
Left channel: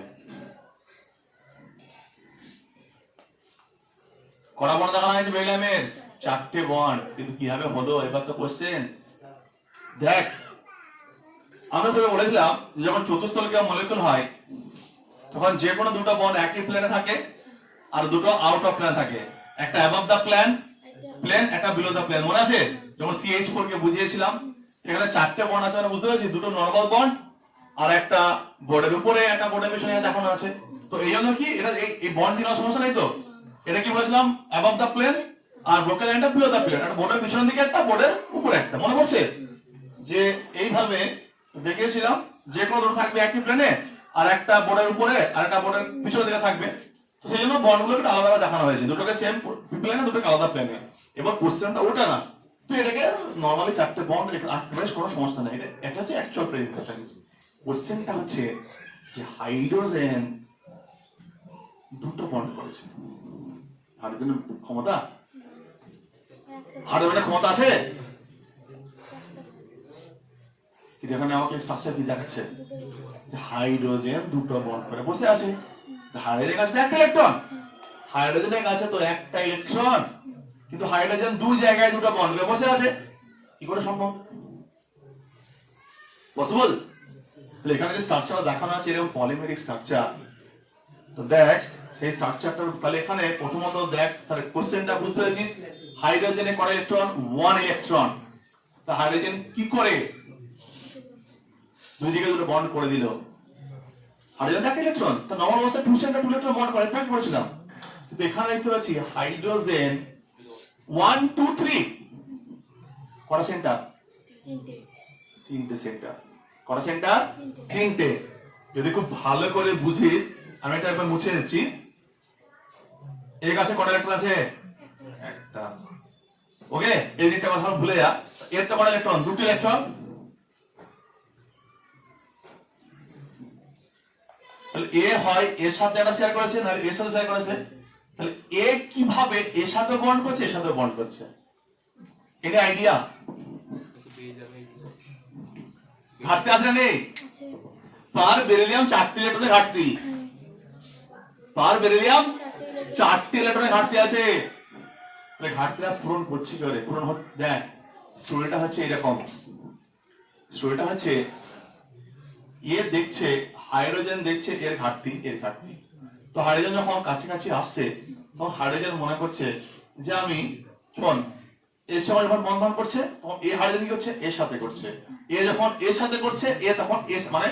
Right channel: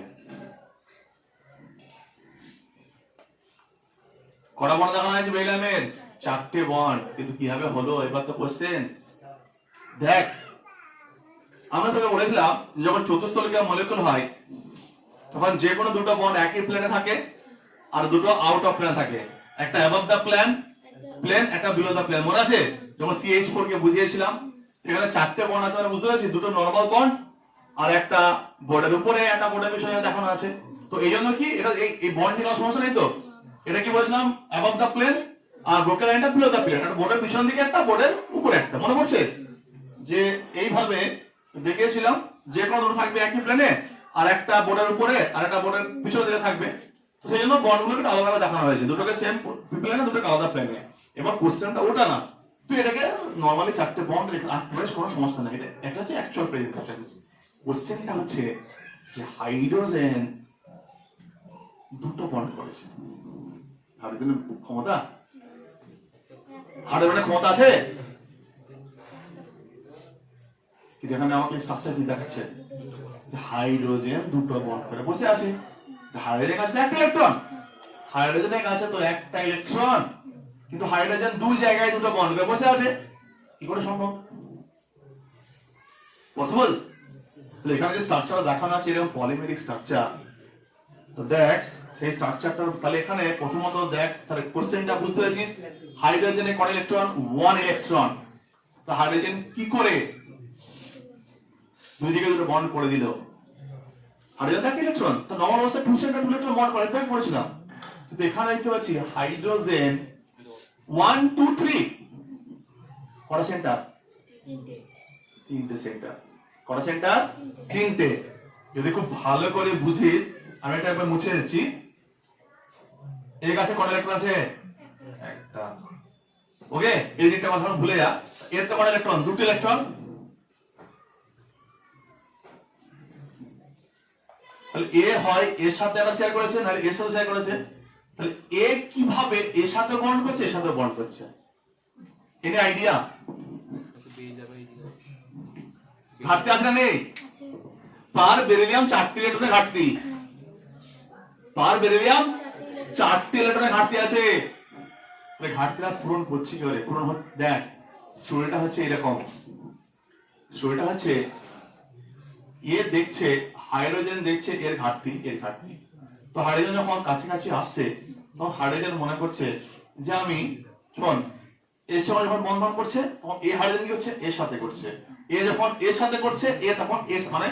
কটা বন্ড দেখানো হয়েছে বেরিলিয়ামের? 4টে বন্ড। কিন্তু কিভাবে হলো এবার তো কোশ্চেন। দেখ আমরা তোকে বলেছিলাম যখন চতুস্তলিকা মলিকুল হয় তখন যে কোনো দুটো বন্ড একই প্লেনে থাকে আর দুটো আউট অফ প্লেনে থাকে, একটা অ্যাবভ দা প্লেন, একটা বিলো দা প্লেন। মনে আছে যখন CH4 কে বুঝিয়েছিলাম এখানে চারটে বন্ড আছে মানে বুঝতে পারছি, দুটো নরমাল বন্ড আর একটা বোর্ডের উপরে একটা বোর্ডের পেছনে দেখানো আছে। তো এই জন্য কি এটা এই বন্ড নিয়ে সমস্যা নেই তো। এটা কি বলছিলাম, অ্যাবভ দা প্লেন আর বোকেল লাইনটা বিলো দা প্লেন, একটা বোর্ডের পিছনের দিকে একটা বোর্ডের উপরে একটা, মনে পড়ছে যে এইভাবে দেখিয়েছিলাম যে কোনো দুটো থাকবে একই প্লেনে আর একটা বোর্ডের উপরে আর একটা বোর্ডের পিছনের দিকে থাকবে। তো সেই জন্য বন্ডগুলোকে আলাদা আলাদা দেখানো হয়েছে, দুটোকে সেম প্লেনে দুটোকে আলাদা প্লেনে। এবার কোশ্চেনটা ওটা না, তুই এটাকে নরমালি চারটে বন্ড বেশ কোনো সমস্যা নেই, এটা হচ্ছে অ্যাকচুয়াল প্রেজেন্টেশন। কোশ্চেনটা হচ্ছে যে হাইড্রোজেন দুটো বন্ড করেছে, হাইড্রোজেনের ক্ষমতা, হাইড্রোজেনের ক্ষমতা আছে কি? এখানে আমাকে স্ট্রাকচার কি দেখাচ্ছে, হাইড্রোজেন দুটো বন্ড করে বসে আছে। হাইড্রোজেনের কাছে একটা ইলেকট্রন, হাইড্রোজেনের কাছে তো একটা ইলেকট্রন, কিন্তু হাইড্রোজেন দুই জায়গায় দুটো বন্ড করে বসে আছে, কি করে সম্ভব? পসিবল? তাহলে এখানে যে স্ট্রাকচার দেখানো আছে এরকম পলিমেরিক স্ট্রাকচার, তো দেখ সেই স্ট্রাকচারটা। তাহলে এখানে প্রথমত দেখ, তাহলে কোশ্চেনটা বুঝতে পেরেছিস, হাইড্রোজেনে কত ইলেকট্রন? 1 ইলেকট্রন। তো হাইড্রোজেন কি করে দুই দিকে দুটো বন্ড করে দিল? হাইড্রোজেন একটা ইলেকট্রন, তো নরমাল অবস্থায় 2 সেন্টার 2 ইলেকট্রন বন্ড করে, এটা করেছিলাম। কিন্তু এখানে দেখতে পাচ্ছি হাইড্রোজেন 1 2 3 কত সেন্টার? তিনটে সেন্টার। কত সেন্টার? তিনটে। যদি খুব ভালো করে বুঝিস, আমি এটা একবার মুছে দিচ্ছি। এর কাছে কত ইলেকট্রন আছে? একটা। ওকে, এই দিকটা কথা ভুলে যা। এর তো কত ইলেকট্রন? দুটো ইলেকট্রন। তাহলে এ হয় এর সাথে একটা শেয়ার করেছে, না এর সাথে শেয়ার করেছে। তাহলে এ কিভাবে এর সাথে বন্ড করছে, এর সাথে বন্ড করছে? এর আইডিয়া ঘাটতি আছে না নেই? পার বেরিলিয়াম 4টি ইলেকট্রনের ঘাটতি, পার বেরিলিয়াম 4টি ইলেকট্রনের ঘাটতি আছে। তাহলে ঘাটতিটা পূরণ করছি কি করে? পূরণ হচ্ছে, দেখ স্টোরিটা হচ্ছে এরকম, স্টোরিটা হচ্ছে এ দেখছে হাইড্রোজেন দেখছে এর ঘাটতি, এর ঘাটতি। তো হাইড্রোজেন যখন কাছাকাছি আসছে তখন হাইড্রোজেন মনে করছে যে আমি শোন, এর সময় যখন বন্ধন করছে তখন এ হাইড্রোজেন কি করছে? এর সাথে করছে। এ যখন এর সাথে করছে, এ তখন এর মানে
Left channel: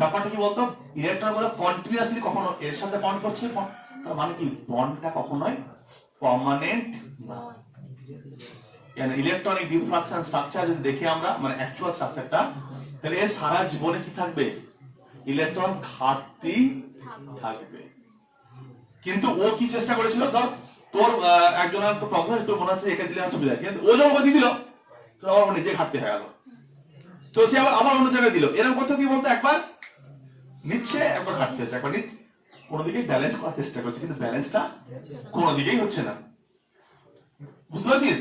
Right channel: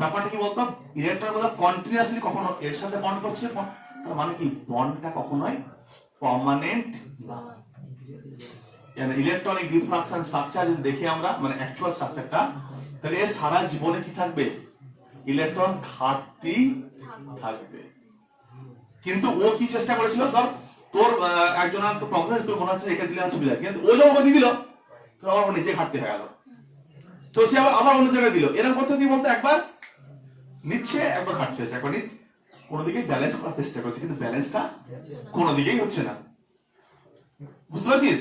ব্যাপারটা কি বলতো, ইলেকট্রন গুলো কন্টিনিউয়াসলি কখনো এর সাথে বন্ড করছে, তার মানে কি বন্ডটা কখনোই পার্মানেন্ট না। মানে ইলেকট্রনিক ডিফ্রাকশন স্ট্রাকচার যদি দেখি আমরা, মানে অ্যাকচুয়াল স্ট্রাকচারটা, তাহলে এর সারা জীবনে কি থাকবে? ইলেকট্রন ঘাটতি থাকবে। কিন্তু ও কি চেষ্টা করেছিল, ধর তোর একজনের তো প্রবলেম, তোর মনে হচ্ছে একে দিলে আমার সুবিধা, কিন্তু ও যখন দিয়ে দিল তোর আবার নিজে ঘাটতি হয়ে গেল, তো সে আবার অন্য জায়গায় দিল। এরকম করতে কি বলতো, একবার নিচ্ছে একবার ঘাটতি হচ্ছে, একবার নিচ্ছে, কোনো দিকে ব্যালেন্স করার চেষ্টা করছে, কিন্তু ব্যালেন্সটা কোনো দিকেই হচ্ছে না। বুঝতে পারছিস?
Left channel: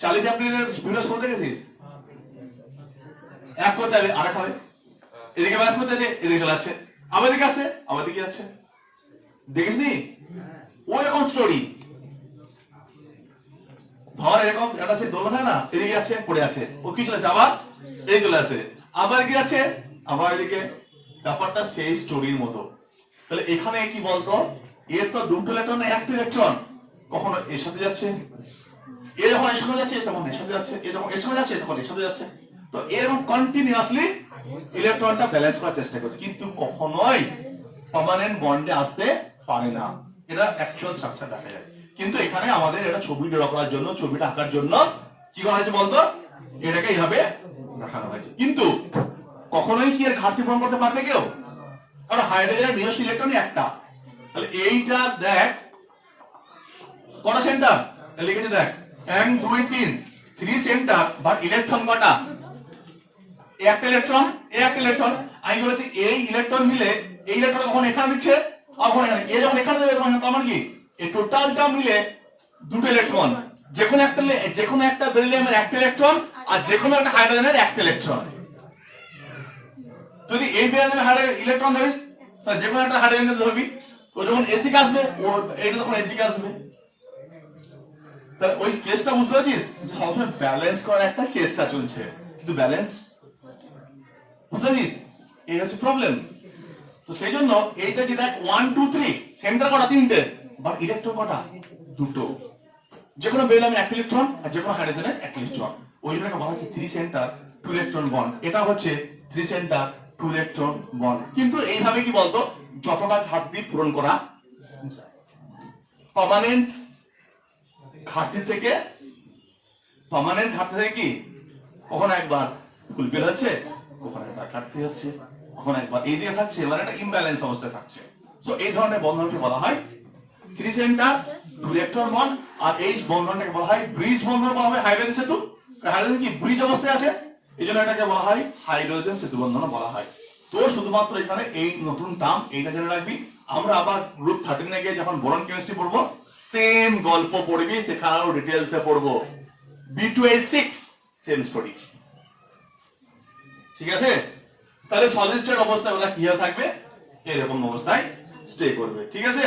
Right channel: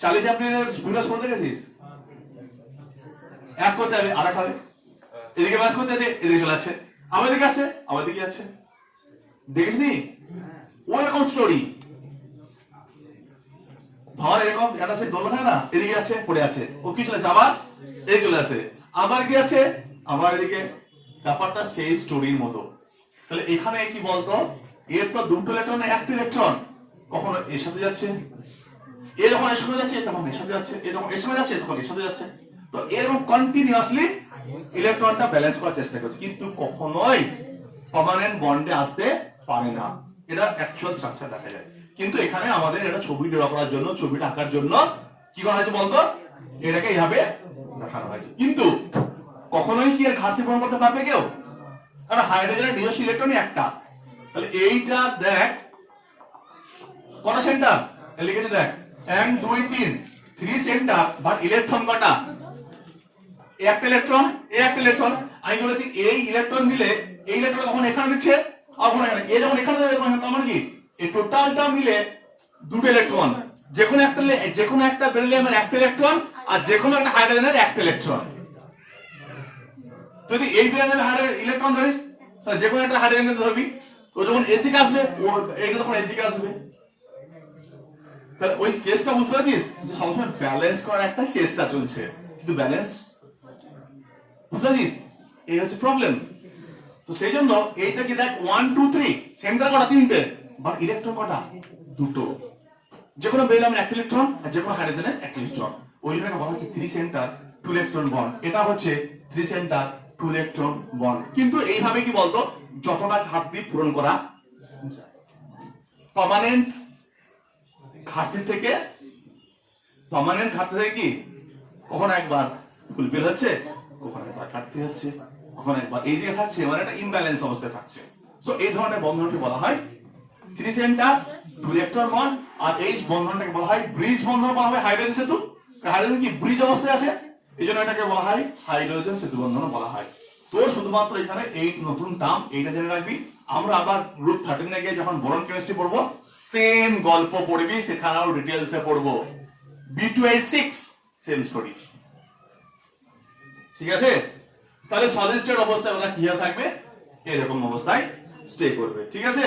চার্লি চ্যাপলিনের ভিডিও শুনে দেখেছিস? এক করতে হবে আর এক হবে, এদিকে ব্যালেন্স করতে হবে, এদিকে চলে যাচ্ছে, আবার দিকে আসছে, আবার দিকে যাচ্ছে। দেখিস নি ওই রকম স্টোরি? ধর এরকম একটা সে দোলনা থাকে না, এদিকে আছে পড়ে আছে, ও কি চলে আছে, আবার এই চলে আসে, আবার কি আছে, আবার এদিকে। ব্যাপারটা সেই স্টোরির মতো। তাহলে এখানে কি বলতো, এর তো দুটো ইলেকট্রন না একটা ইলেকট্রন, কখনো এর সাথে যাচ্ছে, এ যখন এর সাথে যাচ্ছে তখন এর সাথে যাচ্ছে, এ যখন এর সাথে যাচ্ছে তখন এর সাথে যাচ্ছে। তো এরকম কন্টিনিউয়াসলি ইলেকট্রনটা ব্যালেন্স করার চেষ্টা করছে, কিন্তু কখনোই পার্মানেন্ট বন্ডে আসতে পারে না। এটা অ্যাকচুয়াল স্ট্রাকচার দেখা যায়। কিন্তু এখানে আমাদের এটা ছবি ড্র করার জন্য, ছবিটা আঁকার জন্য কি করা হয়েছে বলতো, এটাকে এইভাবে দেখানো হয়েছে। কিন্তু কখনোই কি এর ঘাটতি পূরণ করতে পারবে কেউ? কারণ হাইড্রোজেনের নিজস্ব ইলেকট্রনই একটা। তাহলে এইটা দেখ কটা সেন্টার লিখেছে, দেখ 1 2 3 3 সেন্টার, বাট ইলেকট্রন কটা? একটা ইলেকট্রন, এই একটা ইলেকট্রন। আমি বলেছি এই ইলেকট্রন মিলে এই ইলেকট্রন কখন এখানে দিচ্ছে, কখন এখানে, এ যখন এখানে দেবে তখন আমার কি এই টোটালটা মিলে দুটো ইলেকট্রন, যেকোনো একটা বেরিলিয়ামের একটা ইলেকট্রন আর যেকোনো একটা হাইড্রোজেনের একটা ইলেকট্রন। যদি এই বেরিলিয়ামের ইলেকট্রন ধরিস, তাহলে যেকোনো একটা হাইড্রোজেন ধরবি, ও যখন এদিকে আসবে ও এইটা তখন এদিকে আসবে। তাহলে ওই কেসটা বুঝতে পারছিস যে সবসময় ব্যালেন্স করার একটা চেষ্টা চলছে, কিন্তু ব্যালেন্স, বুঝতে পারছিস? এই হচ্ছে প্রবলেম। তো সেই জন্য এইটা কি দেখ 1 2 3 সেন্টার কটা? তিনটে, বাট ইলেকট্রন কটা? দুটো। যেকোনো বেরিলিয়ামের একটা ইলেকট্রন আর যেকোনো হাইড্রোজেনের একটা ইলেকট্রন। ওই জন্য বলা হচ্ছে 3 সেন্টার 2 ইলেকট্রন বন্ড, এটা হচ্ছে 3 সেন্টার 2 ইলেকট্রন বন্ড। কিন্তু এইভাবে কি বলতো যতটা ঘাটতি পূরণ করা যায়। পার্মানেন্ট ঘাটতি থেকে কি কখনো একবার ফুলফিল হচ্ছে, কখনো একবার ঘাটতি হচ্ছে, কখনো একবার এই দিকে থাকছে, মানে একটা ইমব্যালেন্স অবস্থায় থাকছে। সো এই ধরনের বন্ধনকে বলা হয় 3 সেন্টার 2 ইলেকট্রন বন্ড। আর এই বন্ধনটাকে বলা হয় ব্রিজ বন্ধন বলা হয়। হাইড্রোজেন সেতু, হাইড্রোজেন কি ব্রিজ অবস্থায় আছে, এই জন্য এটাকে বলা হয় হাইড্রোজেন সেতু বন্ধন বলা হয়। তো শুধুমাত্র এখানে এই নতুন টার্ম এইটা জেনে রাখবি। আমরা আবার গ্রুপ 13 এ গিয়ে যখন বোরন কেমিস্ট্রি পড়বো সেম গল্প পড়বি, সেখানেও ডিটেইলসে পড়বো। B2H6 সেম স্টোরি, ঠিক আছে? তাহলে সলিড স্টেট অবস্থায় ওরা কি হয়ে থাকবে, এরকম অবস্থায় স্টে করবে, ঠিক আছে?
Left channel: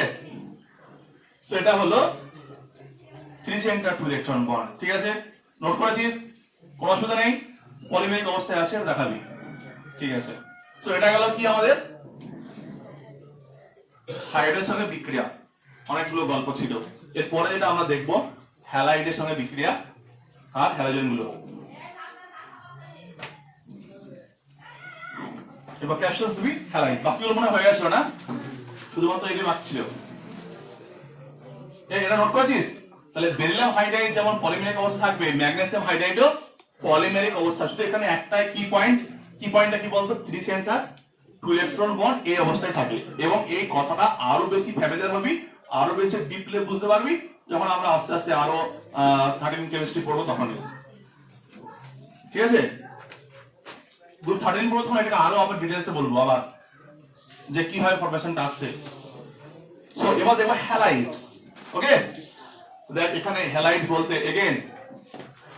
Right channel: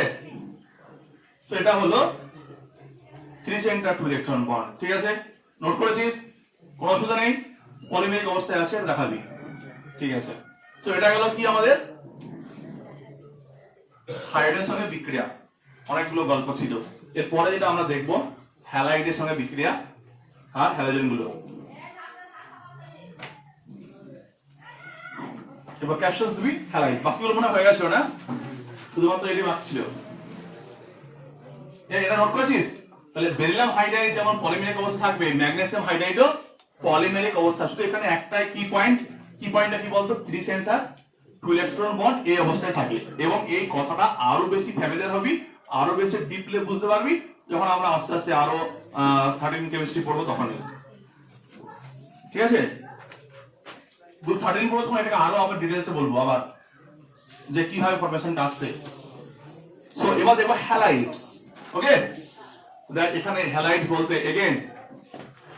সেটা হলো 3 সেন্টার 2 ইলেকট্রন বন্ড, ঠিক আছে? নোট করেছিস? কোনো অসুবিধা নেই? পলিমেরিক অবস্থায় আছে দেখাবি, ঠিক আছে? তো এটা গেল কি আমাদের হাইড্রোজেনের সঙ্গে বিক্রিয়া, অনেকগুলো গল্প ছিল। এরপরে যেটা আমরা দেখব হ্যালাইডের সঙ্গে বিক্রিয়া আর হ্যালোজেন গুলো। এবার ক্যাপশনস দিবি হ্যালাইড, বাকিগুলো মনে হয়ে গেছিল না, শুধুমাত্র এটি মার্কছিল। এটা নোট করেছিস? তাহলে বেরিলিয়াম হাইড্রাইড যেমন পলিমেরিক অবস্থা থাকবে, ম্যাগনেসিয়াম হাইড্রাইডও পলিমেরিক অবস্থা। শুধু এখানে একটাই কি পয়েন্টটা কি বলতো, 3 সেন্টার 2 ইলেকট্রন বন্ড এই অবস্থায় থাকে। এবং এই কথাটা আরো বেশি ফ্যামিলিয়ার হবি, আরো বেশি ডিপলি বুঝতে পারবি যখন আমরা আস্তে আস্তে আরো 13 কেমিস্ট্রি পড়বো তখন, ঠিক আছে? গ্রুপ 13 পড়বো তখন এটাকে আরো আবার ডিটেইলসে বলবো আবার যে কিভাবে ফরমেশনটা আসছে। সো এবার দেখবো হ্যালাইডস, ওকে? দেখ এখানে হ্যালাইড বলতে এগেইন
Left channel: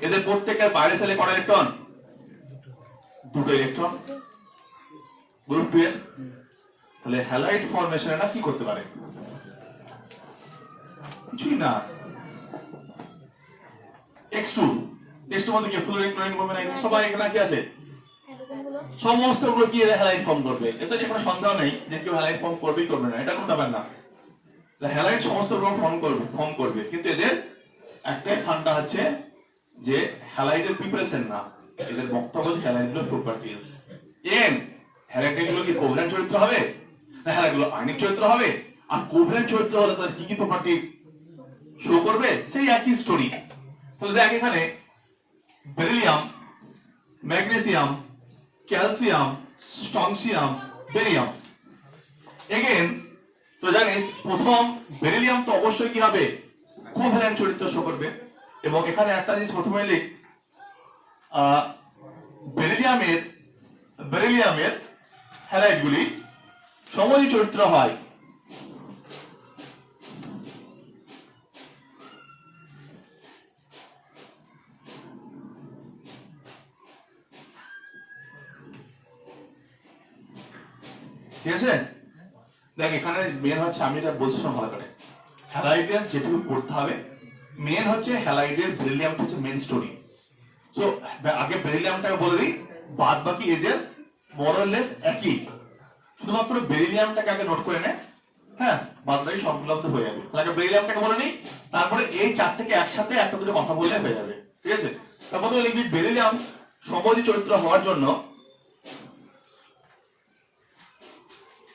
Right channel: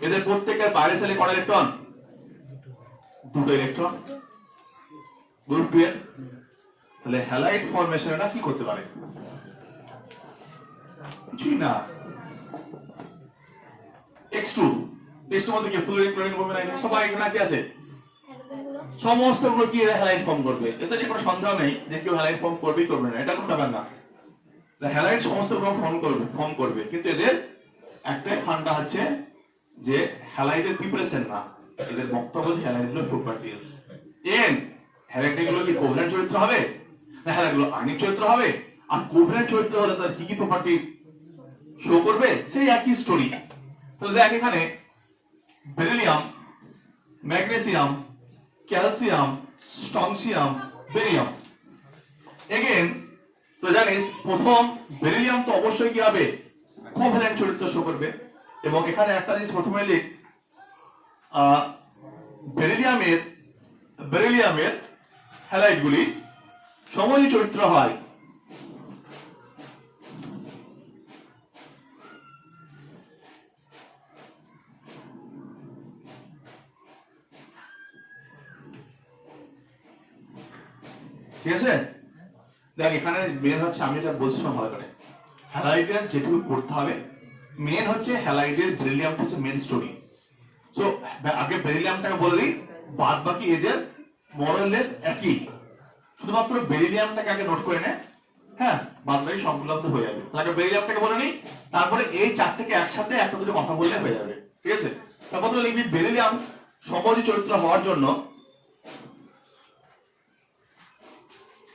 এদের প্রত্যেকের বাইরে সেলে কত ইলেকট্রন, 2 ইলেকট্রন। গ্রুপ 2 এর তাহলে হ্যালাইড ফরমেশন এটা কি করতে পারে, কিছুই না। X2 মধ্যে কি ফ্লুরিন ক্লোরিন ব্রোমিন সবাই এখানে কি আছে, সমস্ত গুলো কি হ্যালাইড ফর্ম করবে। এতে কোনো সন্দেহ নেই যে কেউ হ্যালাইড ফর্ম করবেই করবে না, এটা কোনো ব্যাপার না। হ্যালাইড সমস্ত রকম ফর্ম করবে, কিন্তু এদের একটাই ফান্ডা হচ্ছে যে হ্যালাইডের প্রিপারেশন না, এদের বক্তব্য হচ্ছে হ্যালাইডগুলোর প্রপার্টিজ। হ্যালাইডগুলো কি কোভ্যালেন্ট চরিত্র হবে না হ্যালাইডগুলো আয়নিক চরিত্র হবে? আর কোভ্যালেন্ট চরিত্র হলে তার কি কি প্রপার্টি শো করবে, সেই একই স্টোরি। তাহলে দেখ এখানে beryllium, magnesium, calcium, strontium, barium. Again তো জানিস প্রথম বেরিলিয়াম তো অবশ্যই কি হবে, কোভ্যালেন্ট চরিত্র শো করবে। এবং এখানে একটা জিনিস প্রথমে লিখ, বেরিলিয়ামের হ্যালাইডগুলি সমযোজী চরিত্র হয়। ঠিক আছে? দেখ এখানে মেন হচ্ছে, আমি এটা বলছি ভালো করে, হ্যালাইডের যেটুকু পড়তে হবে মেন হচ্ছে হ্যালাইডের বেরিলিয়ামটা হচ্ছে মেন স্টোরি। সো আগে বেরিলিয়ামটাকে বলে দিই, বাদ বাকি এদের মোরলেস একই, শুধুমাত্র বেরিলিয়ামটাকে আগে নোট করে নে, হ্যাঁ, বাদ বাকি সবগুলো হয়ে যাবে। তাহলে বেরিলিয়ামটাকে বলে নিই, তারপরে এই চারটাকে একসাথে একটা দুটো কথা বললে হয়ে যাবে, ঠিক আছে? তারপর লিখবি বেরিলিয়াম সমযোজী চরিত্র হওয়ার জন্য,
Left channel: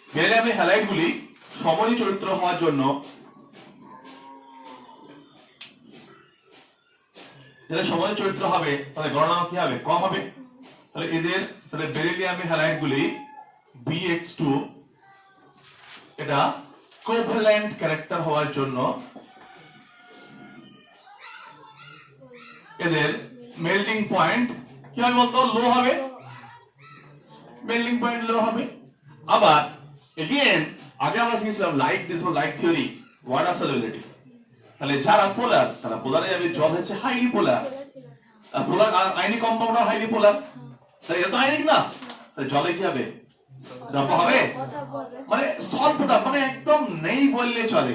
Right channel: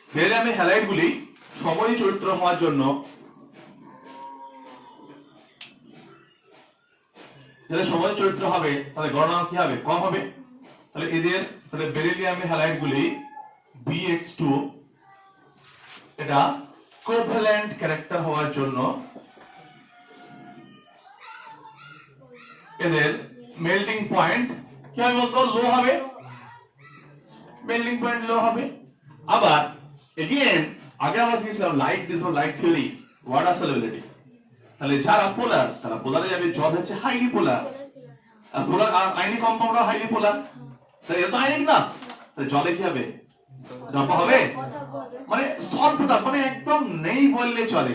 বেরিলিয়ামের হ্যালাইডগুলি সমযোজী চরিত্র হওয়ার জন্য যাদের সমযোজী চরিত্র হবে তাহলে গণনা কি হবে, কম হবে। তাহলে এদের তাহলে বেরিলিয়ামের হ্যালাইডগুলি BH2 এটা কোভ্যালেন্ট ক্যারেক্টার হওয়ার জন্য এদের মেল্টিং পয়েন্ট কি হবে বলতো, লো হবে, মেল্টিং পয়েন্ট লো হবে। আবার এগেইন আগে আমরা শিখেছিলাম like dissolves like theory, water solubility. তাহলে যারা পোলার তারা পোলারে যাবে, জল হচ্ছে হাইলি পোলার, আর polar ionic compound highly polar. তাহলে এটা তো আয়নিক না, তাহলে জলে কি হবে, দ্রব্য হবে, মানে স্বল্পতা, মানে একদম নেই বললে চলে।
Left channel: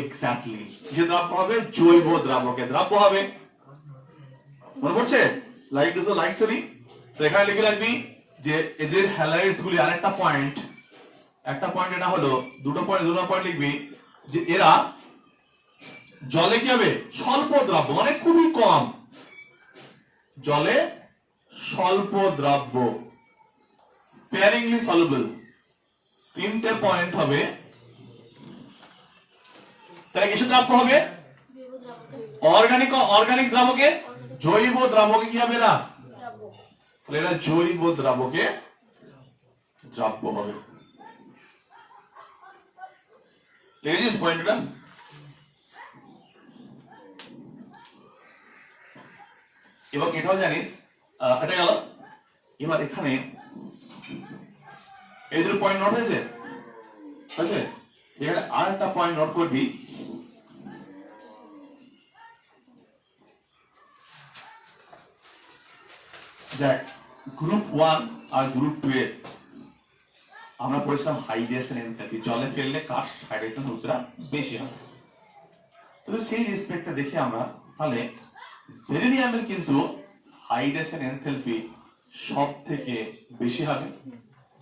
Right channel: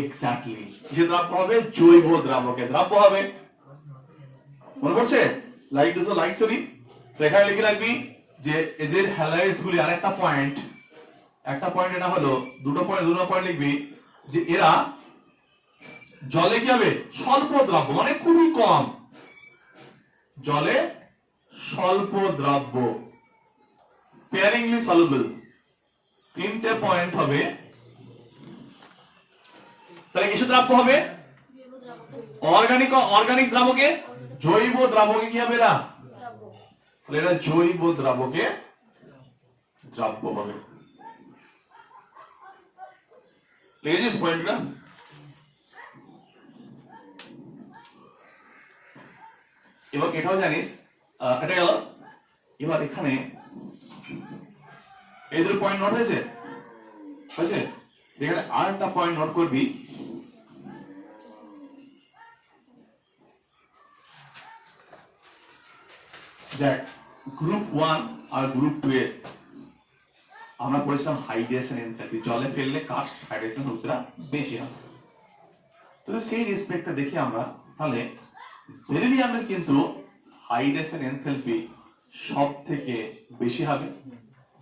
এক্স্যাক্টলি, যে দ্রব্য হবে জৈব দ্রাবকে দ্রব্য হবে। মনে পড়ছে লাইট ডিসো লাইট থিওরি? তো এখানে লিখে রাখবি যে এদের হ্যালাইডস গুলি আরেকটা পয়েন্ট, একটা পয়েন্ট এটা হলো, দুটো পয়েন্ট লিখবি যে এরা জলে কি হবে, স্বল্প দ্রব্য, মানে খুবই কম, জলে স্বল্প দ্রাব্য, স্পেয়ারিংলি সলুবল। তিনটে পয়েন্ট হবে, তাহলে কিসে দ্রাব্য হবে? অর্গানিক দ্রাবকে, জৈব দ্রাবকে কি হবে? না, তাহলে এটা জৈব দ্রাবকে দ্রাব্য হবে। লিখেছিস পয়েন্টটা? এবার এটাও জানিস, এটা গেল। এবার এখানে এই দুটো পয়েন্ট নোট হয়েছে, হয়েছে? এখানে আর একটা পয়েন্ট নোট করবি, দেখ গ্রুপ 1 আর গ্রুপ 2 এর আমরা পড়েছিলাম হাইড্রেশন এনথালপি, জলে ফেললে কার হাইড্রেশন উত্তরা বেশি হবে। তো সেই রেসপেক্টে দেখি আমরা, তাহলে বেরিলিয়ামের কিন্তু হাইড্রেশন এনথালপি সব থেকে বেশি হবে,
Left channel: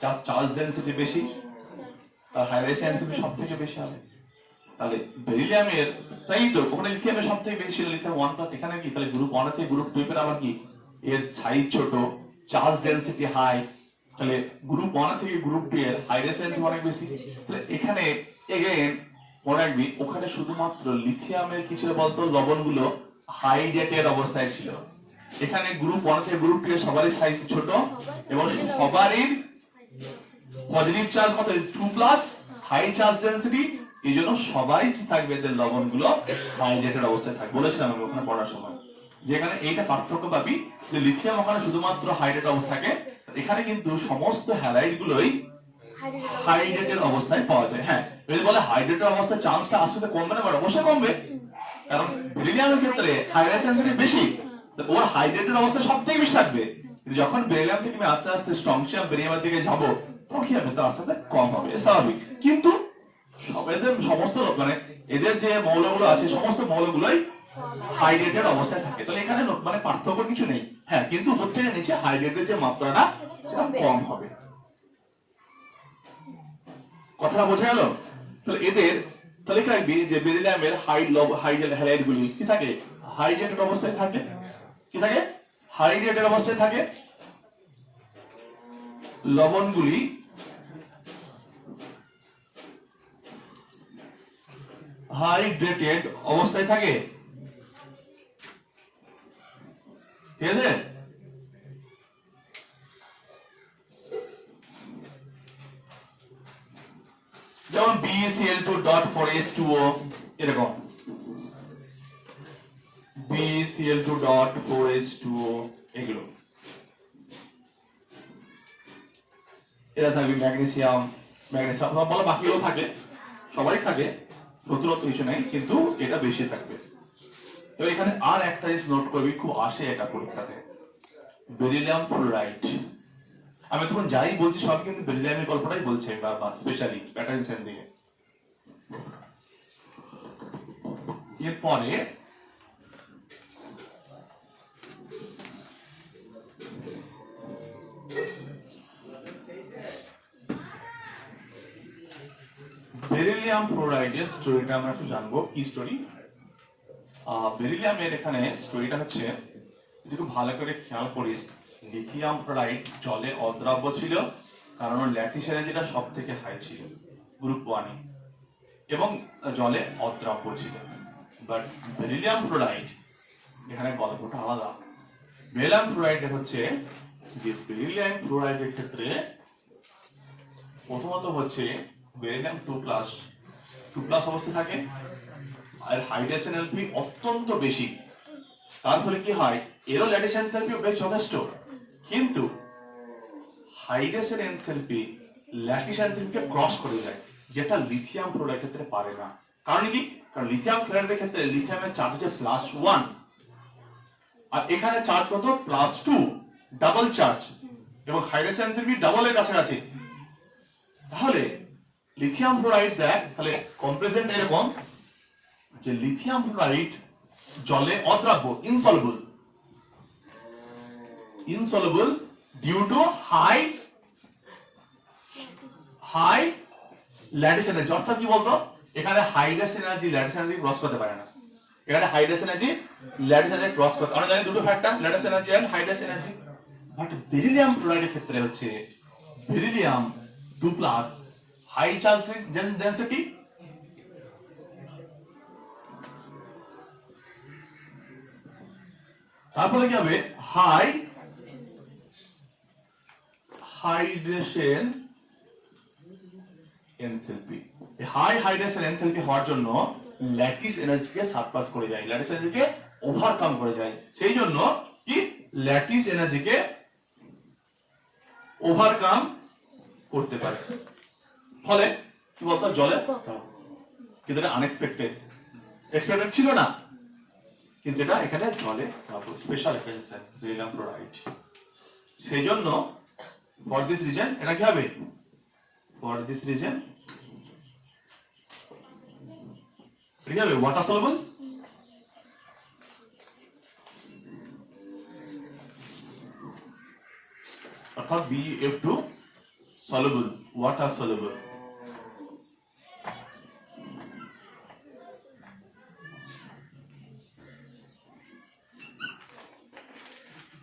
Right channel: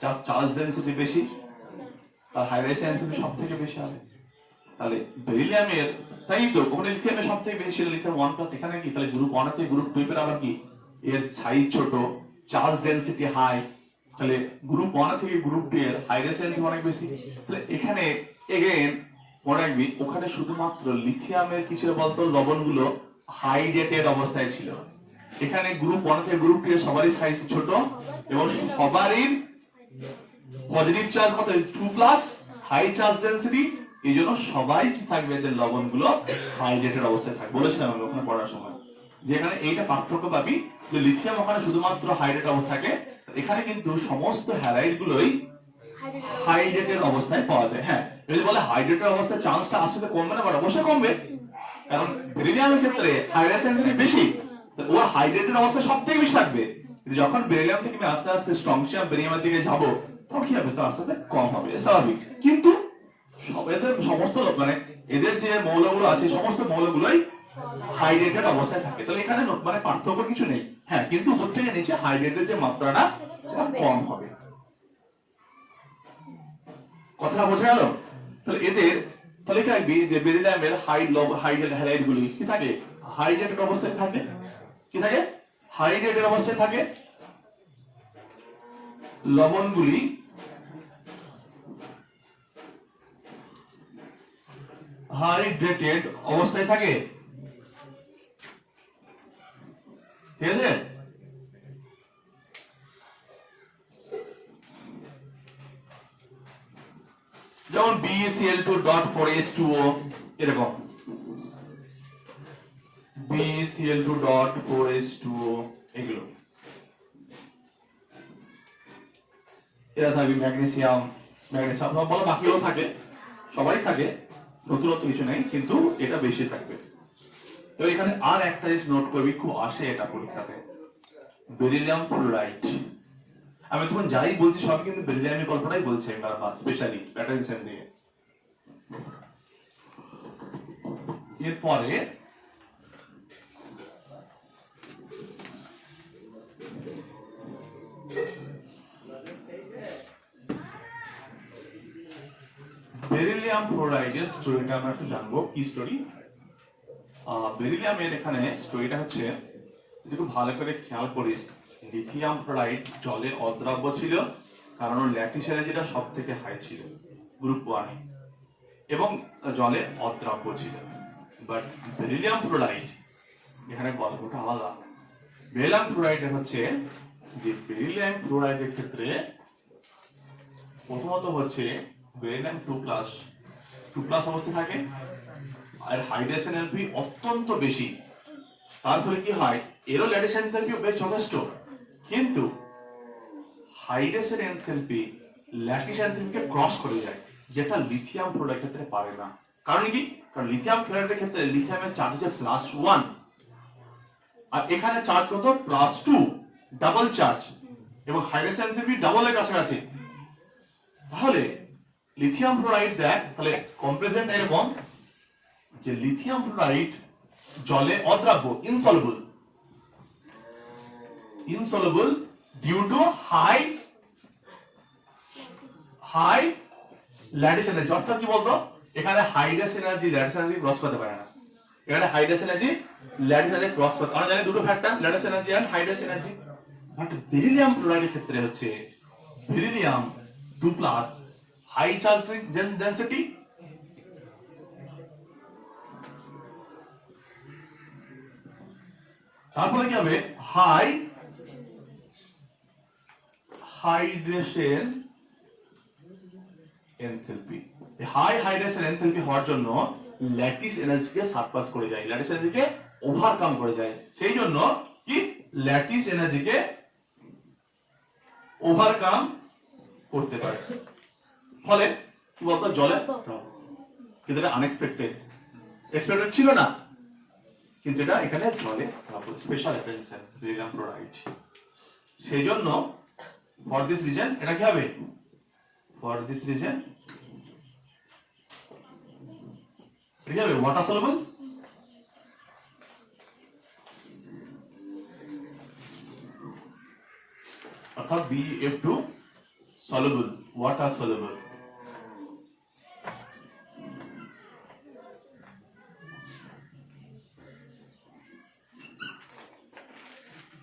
যার চার্জ ডেনসিটি বেশি তার হাইড্রেশন এনথালপি সব থেকে বেশি হবে। তাহলে বেরিলিয়ামের, তাই তো ওখানে লিথিয়ামের সব থেকে বেশি, লিথিয়াম 1+, এখানে কি তাহলে গ্রুপ 1 থেকে গ্রুপ 2 এর আবার কি এর সাইজ ছোট, চার্জ ডেনসিটি হাই, তাহলে গ্রুপ 1 থেকে গ্রুপ 2 এর হাইড্রেশন এনথালপি অনেক বেশি। তাহলে এখানে এগেইন মনে রাখবি, ওখানে শুধুমাত্র লিথিয়ামের কি ছিল বলতো, লবণগুলো হাইড্রেটেড অবস্থায় ছিল। এখানে গ্রুপ 1 থেকে গ্রুপ 2 এর সবারই সাইজ ছোট এবং সবারই পজিটিভ চার্জ কত, 2+, হাই চার্জ ডেনসিটি, এই জন্য সবাই কি থাকবে, এদের লবণগুলো হাইড্রেটেড অবস্থায় থাকবে। বলেছিলাম আমি ওখানে পড়ার সময়, যেখানে এইটা পার্থক্য পাবি যে লিথিয়াম ওখানে শুধুমাত্র হাইড্রেট অবস্থা থাকে, এখানে কিন্তু সমস্ত হ্যালাইড গুলোই হাইড্রেটেড অবস্থায় পাওয়া যায়। হ্যাঁ, যদি বলে হাইড্রেটেড অবস্থায় চান্সটা আসলে কমবে না, অবশ্যই কমবে, কারণ বেরিলিয়ামের ক্ষেত্রে হাইড্রেশন বেশি, ওর হাইড্রেটেড অবস্থা সব থেকে বেশি থাকবে। যখন বেরিলিয়াম থেকে আমি আস্তে আস্তে স্ট্রংশিয়াম বেরিলিয়ামের দিকে যাবো, তখন কি হবে, তার আস্তে আস্তে কম হবে, স্বাভাবিক। কিন্তু এদের সমস্ত মানে এদের যে মৌলগুলো আছে সমস্ত মৌলগুলোই হাইড্রেটেড অবস্থায় থাকে। তাহলে এখানে মানে পার্থক্য কিছু নেই। হ্যাঁ, কিন্তু উপর থেকে নিচে হাইড্রেটের যে মাত্রাটা সেটা কম হবে। কথা বোঝা গেল? তাহলে এদের, তাহলে কি রাখবি যে বেরিলিয়ামের হাইড্রেট হ্যালাইড গুলি কি থাকে, হাইড্রেটেড অবস্থায় থাকে। কি থাকে? হাইড্রেটেড অবস্থায় থাকে। লবণগুলি হাইড্রেটেড অবস্থায় থাকে, ঠিক আছে? যেমন BeCl2.4H2O, এরকম BeCl2.4H2O, এগুলো এরা থাকবে। ম্যাগনেসিয়াম বলো, বাকিও থাকে, সবাই থাকে, নতুনত্ব কিছু নেই, কিন্তু এটা বেশি থাকবে। তো এখানে আর একটা জিনিস নোট করবি, খুব আসে এটা পরীক্ষাতে, বেরিলিয়াম ফ্লোরাইড। আমি তখন যাই বলছি সব কিন্তু বেরিলিয়ামের গল্পটাই বলছে বারবার, স্পেশালি প্যাটার্ন দিয়ে। এরপরে বেরিলিয়াম ফ্লোরাইডের স্টোরিটা আমরা একটু জানবো। কি স্টোরি? বেরিলিয়ামের এখানে স্টোরিটা হচ্ছে, যদি ভালো করে খেয়াল করিস, লিথিয়াম ফ্লোরাইড জলে অদ্রাব্য ছিল, কারণ ওর ল্যাটিস এনার্জিটা সব থেকে হাই ছিল গ্রুপ 1 এ, এবং জলে অদ্রাব্য ছিল। বাট বেরিলিয়াম ফ্লোরাইড এখানে গল্পটা আলাদা। বেরিলিয়াম ফ্লোরাইড হচ্ছে যে বেরিলিয়াম ফ্লোরাইডের ক্ষেত্রে প্রথমত হচ্ছে বেরিলিয়াম 2+ অবস্থায় থাকে, আর হাইড্রেশন এনথালপি অত্যন্ত বেশি। তার ফলে কি হয়, এরও ল্যাটিস এনথালপি বেশ যথেষ্ট, কিন্তু হাইড্রেশন এনথালপি ল্যাটিস এনথালপিকে ক্রস করে যায়, যেটা লিথিয়াম ফ্লোরাইডের ক্ষেত্রে পারে না। কারণ কি? কারণ লিথিয়াম ফ্লোরাইডের ক্ষেত্রে লিথিয়ামের চার্জ হচ্ছে +1, আর এখানে চার্জ কত, +2, ডাবল চার্জ, এবং হাইড্রেশন এনথালপি ডাবল এর কাছাকাছি। তাহলে লিথিয়াম ফ্লোরাইড দেখ, তাহলে কম্পারিজন এরকম যে লিথিয়াম ফ্লোরাইড জলে অদ্রাব্য, insoluble due to high lattice energy. অর্থাৎ কি বলতো, এখানে hydration energy lattice energy cross করতে পারে না। এখানে hydration energy lattice energy cross করছে। আমরা জানি দুটো factor, lattice energy and hydration energy. But beryllium ক্লোরাইডের ক্ষেত্রে হচ্ছে বেরিলিয়াম 2+ হাই চার্জ ডেনসিটি, তারপরে কি হবে high hydration enthalpy. High hydration enthalpy হওয়ার জন্য ল্যাটিস এনার্জিকে সারপ্লাস করে যায়, ল্যাটিস এনার্জিকে ওভারকাম করে যায়। সেই জন্য কি ল্যাটিস এনার্জিকে ওভারকাম করতে পারে। ফলে কি বলতো জলে, কিন্তু এটা আনএক্সপেক্টেড, এক্সপেক্টেড ছিল না, কিন্তু এটা এখানে জলে স্পেশাল অ্যাটেনশন বেরিলিয়াম ক্লোরাইড। সেই জন্য ফর দিস রিজন এটা কি হবে, ফর দিস রিজন এটা কি হবে ওয়াটার সলুবল, অর্থাৎ BF2 soluble, water soluble।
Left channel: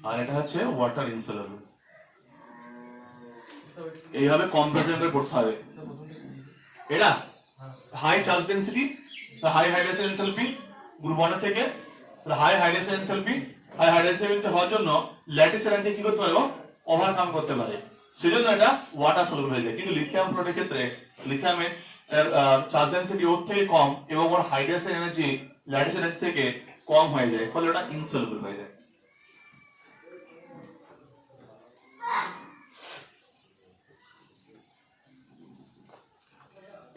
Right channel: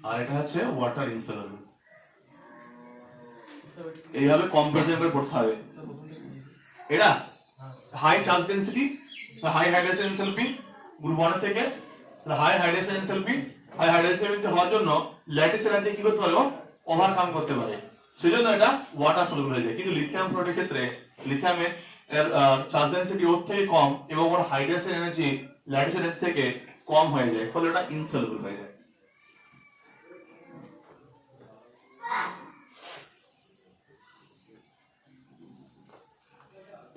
আর এটা হচ্ছে ওয়াটার ইনসলুবল। এইভাবে কম্পারিজন করে পড়তে হবে। এটা high charge density, high hydration enthalpy group 1 থেকে, high hydration enthalpy, high hydration enthalpy হওয়ার জন্য ল্যাটিস এনার্জি কি করতে পারো, ওভারকাম করতে পারে। সেজন্য এটা ওয়াটার সলুবল হয়ে যায়। কিন্তু লিথিয়াম ফ্লোরাইডের ক্ষেত্রে লিথিয়ামের চার্জ ডেনসিটি ওর থেকে কম এবং ওর হাইড্রেশন এনার্জি ল্যাটিস এনার্জি থেকে কম হয়ে যায়, ফলে ওটা ইনসলুবল হয়ে যায়।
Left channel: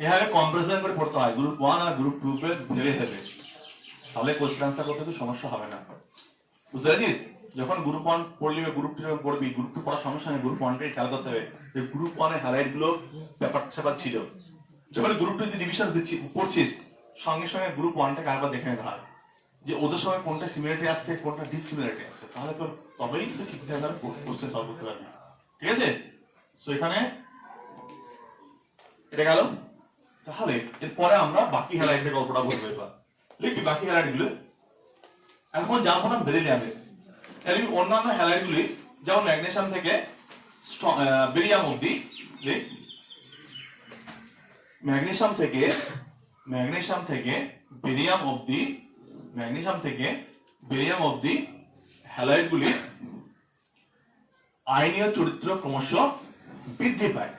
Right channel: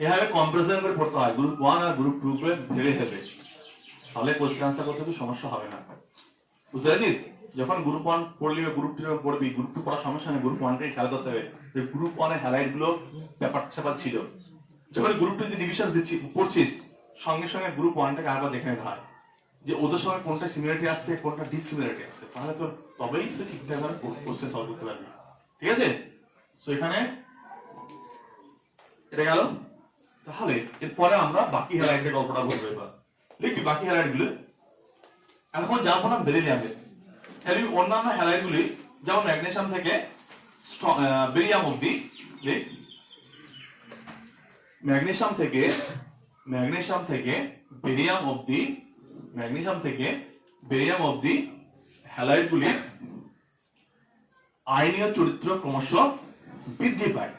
এভাবে কম্পারিজন করে পড়তে হয় গ্রুপ 1 আর গ্রুপ 2 এর ভেবে ভেবে, তাহলে কোশ্চেন আনসার করতে তো সমস্যা হবে না। বুঝতে পেরেছিস? যখন গ্রুপ 1 পড়লি বা গ্রুপ 2 পড়বি, গ্রুপ 2 পড়ার সমস্যা নেই, গ্রুপ 1 কে খেয়াল করতে হবে যে গ্রুপ 1 এর হ্যালাইট গুলো ব্যাপার ছিল। যখন গ্রুপ 2 তে ডিভিশন দিচ্ছি পড়ছিস, সঙ্গে সঙ্গে গ্রুপ 1 টাকে আবার দেখে নিতে হয় যে ওদের সঙ্গে কোনটা সিমিলারিটি আসছে, কোনটা ডিসিমিলারিটি আসছে, তাহলে তো তবেই তো ঠিকঠাক কোশ্চেন সলভ করতে পারবি। ঠিক আছে? সো এখানে এটা গেল। তাহলে এরপরে আমরা বাকি হ্যালাইটের গল্পটা বলবো। এবার লিখবি বাকি হ্যালাইট গুলো। এখন যাবো না বেরিলিয়ামে, এমনি অন্যান্য হ্যালাইট গুলি যেমন ম্যাগনেসিয়াম থেকে বেরিলিয়াম অবধি, ম্যাগনেসিয়াম থেকে বেরিলিয়াম অবধি হ্যালাইট গুলি আয়নীয় চরিত্র ক্রমশ বৃদ্ধি পায়।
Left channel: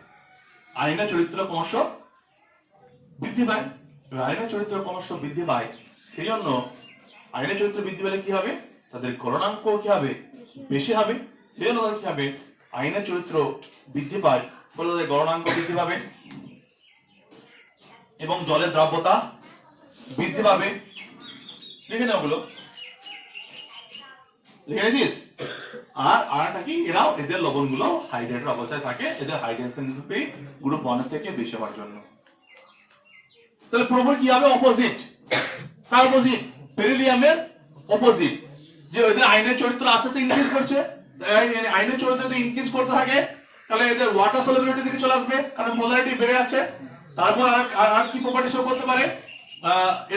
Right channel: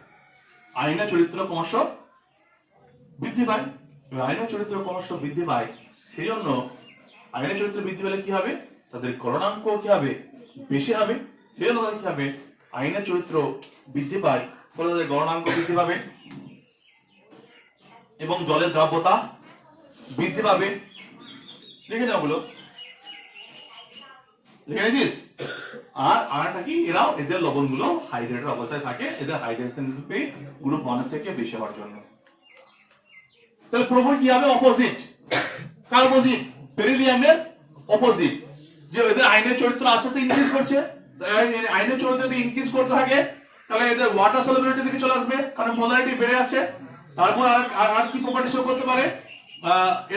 আয়নীয় চরিত্র ক্রমশ বৃদ্ধি পায়, আয়নীয় চরিত্র ক্রমশ বৃদ্ধি পায়। সেই জন্য আয়নীয় চরিত্র বৃদ্ধি পেলে কি হবে, তাদের গলনাঙ্ক কি হবে, বেশি হবে। সেই জন্য কি হবে, আয়নীয় চরিত্র বৃদ্ধি পায় বলে তাদের গলনাঙ্ক বৃদ্ধি পাবে এবং জলের দ্রাব্যতা বৃদ্ধি পাবে। লিখে নাও ওগুলো, লিখে নিয়েছিস? আর আরেকটা কি, এরাও এদের লবণ গুলো হাইড্রেটেড অবস্থায় থাকে, এদের হাইড্রেশন গ্রুপ 1 থেকে বেশি হওয়ার জন্য। তাহলে প্রবল কি হবে, অপোজিট। কার অপোজিট? বেরিলিয়ামের অপোজিট, যে এদের আয়নের চরিত্র আস্তে আস্তে ইনক্রিজ করছে। আয়নের চরিত্র যদি ইনক্রিজ করতে থাকে তাহলে এদের ওয়াটার সলিবিলিটি দিকে চলে আসবে, কারণ মোলারিটি বেড়ে আছে। তারপর আর কি প্রপার্টি শো করতে পারে,